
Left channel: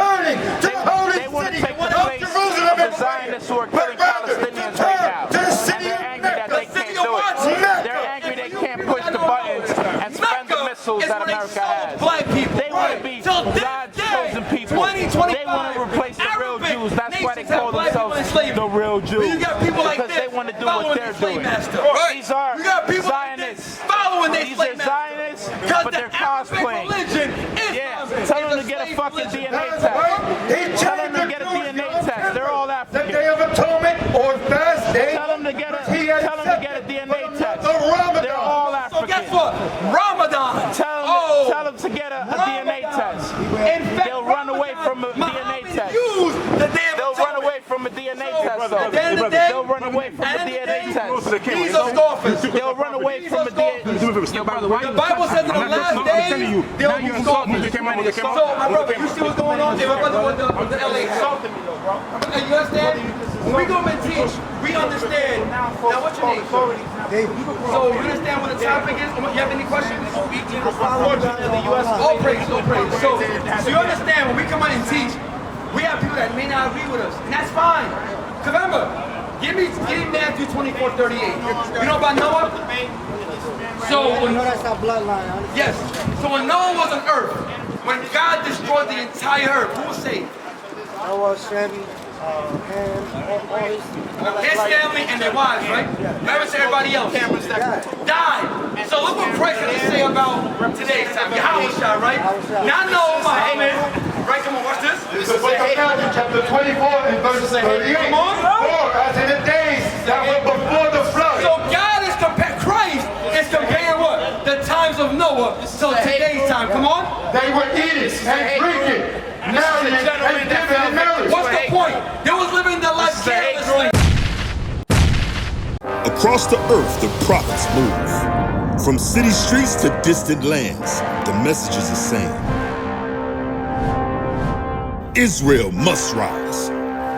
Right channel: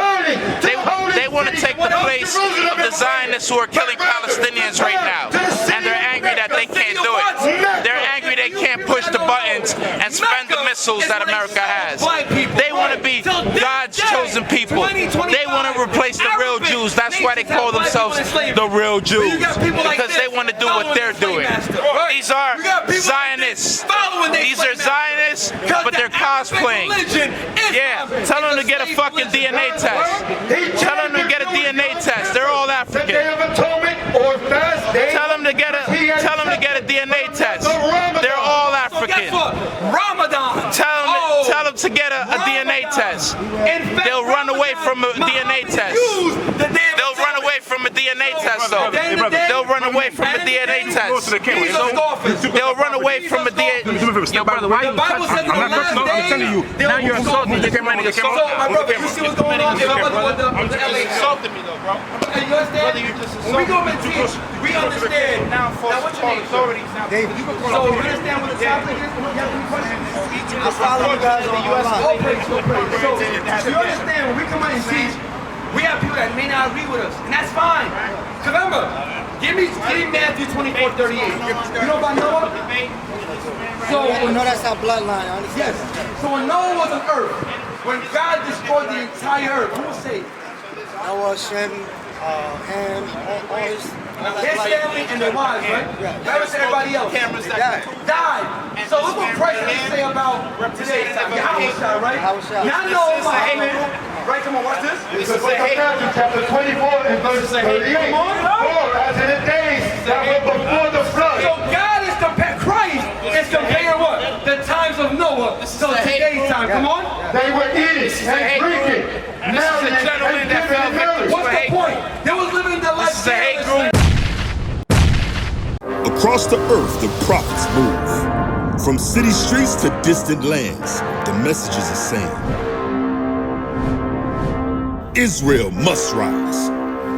they want to take the place of the Zionists who are killing Palestinians right now. And they're angry that they can't do it. They're angry they can't push the buttons and spend the missiles that America has. They want to be God's chosen people. They want to replace the real Jews. That's why they call themselves the real Jews. Because they want to do what they're doing. These are Zionists. These God's playing. Yeah, tell them to get a fucking DNA test. Tell them to get a DNA test. They're all African. The Day of Atonement or fast day. Tell them to get a DNA test. They're all African. So guess what? Ramadan. Tell them to get a DNA test. They'll run away from a DNA test. They'll run away from a DNA test, though. They'll run away from a DNA test. They'll run away from a DNA test. The Bible says in the last day, they'll be scoffers. So, my brother, you see what's going on? If my brother with the LA insulted me, though, bro. You understand? When we go and teach, we understand. Now, what's your name? So, you understand what the topic is? You have any questions? Unfortunately, the U.S. So, you understand when we come in and teach, we have people that may not agree with us, and that's fine. Because remember, give me Matthew 24:38. You know about Noah? So, that's our bloodline. Yes. So when Noah was on earth, when God destroyed the entire earth, who was saved? Noah, Shem, Ham, all his family and their wives, right? Never said everybody else. Cameras that died. So look what Christ has to say about today. Yahusha, right? Y'all know about right? Come on, watch this. This is Matthew chapter 24 and verse 38. Come on. As in the days that were before the flood. So God is comparing, Christ is comparing what? The times of Noah to today's time. Come on. They were eating and drinking. This is a gentleman that fell victim to What's the point? They was living their life. This is a hate group. Across the earth, the prophets move. From city streets to distant lands, the message is the same. Israel must rise.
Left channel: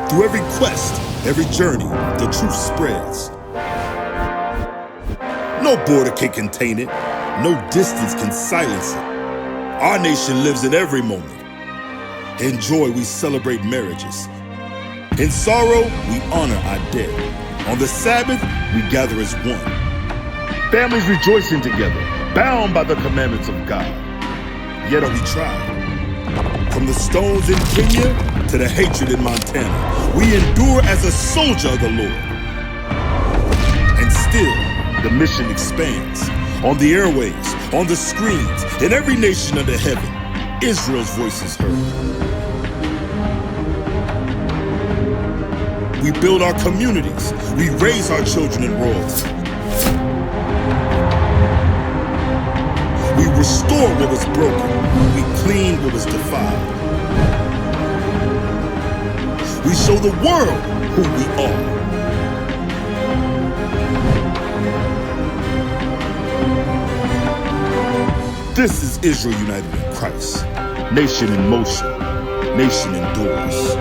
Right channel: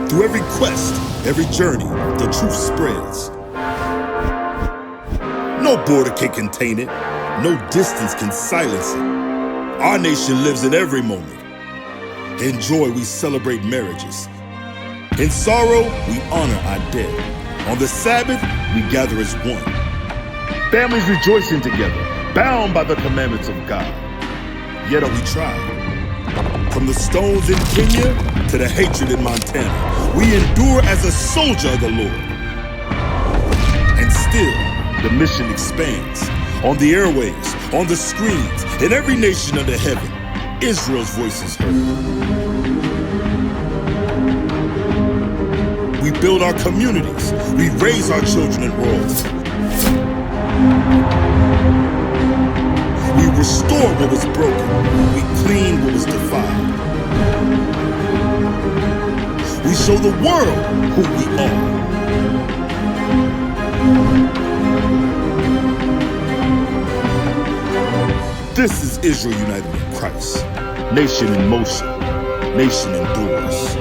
Through every quest, every journey, the truth spreads. No border can contain it. No distance can silence it. Our nation lives in every moment. In joy, we celebrate marriages. In sorrow, we honor our dead. On the Sabbath, we gather as one. Families rejoicing together, bound by the commandments of God. Yet are we tried. From the stones in Kenya to the hatred in Montana, we endure as a soldier of the Lord. And still, the mission expands. On the airwaves, on the screens, in every nation under heaven, Israel's voice is heard. We build our communities. We raise our children in royalty. We restore what was broken. We clean what was defiled. We show the world who we are. This is Israel united in Christ. Nation in motion. Nation endures.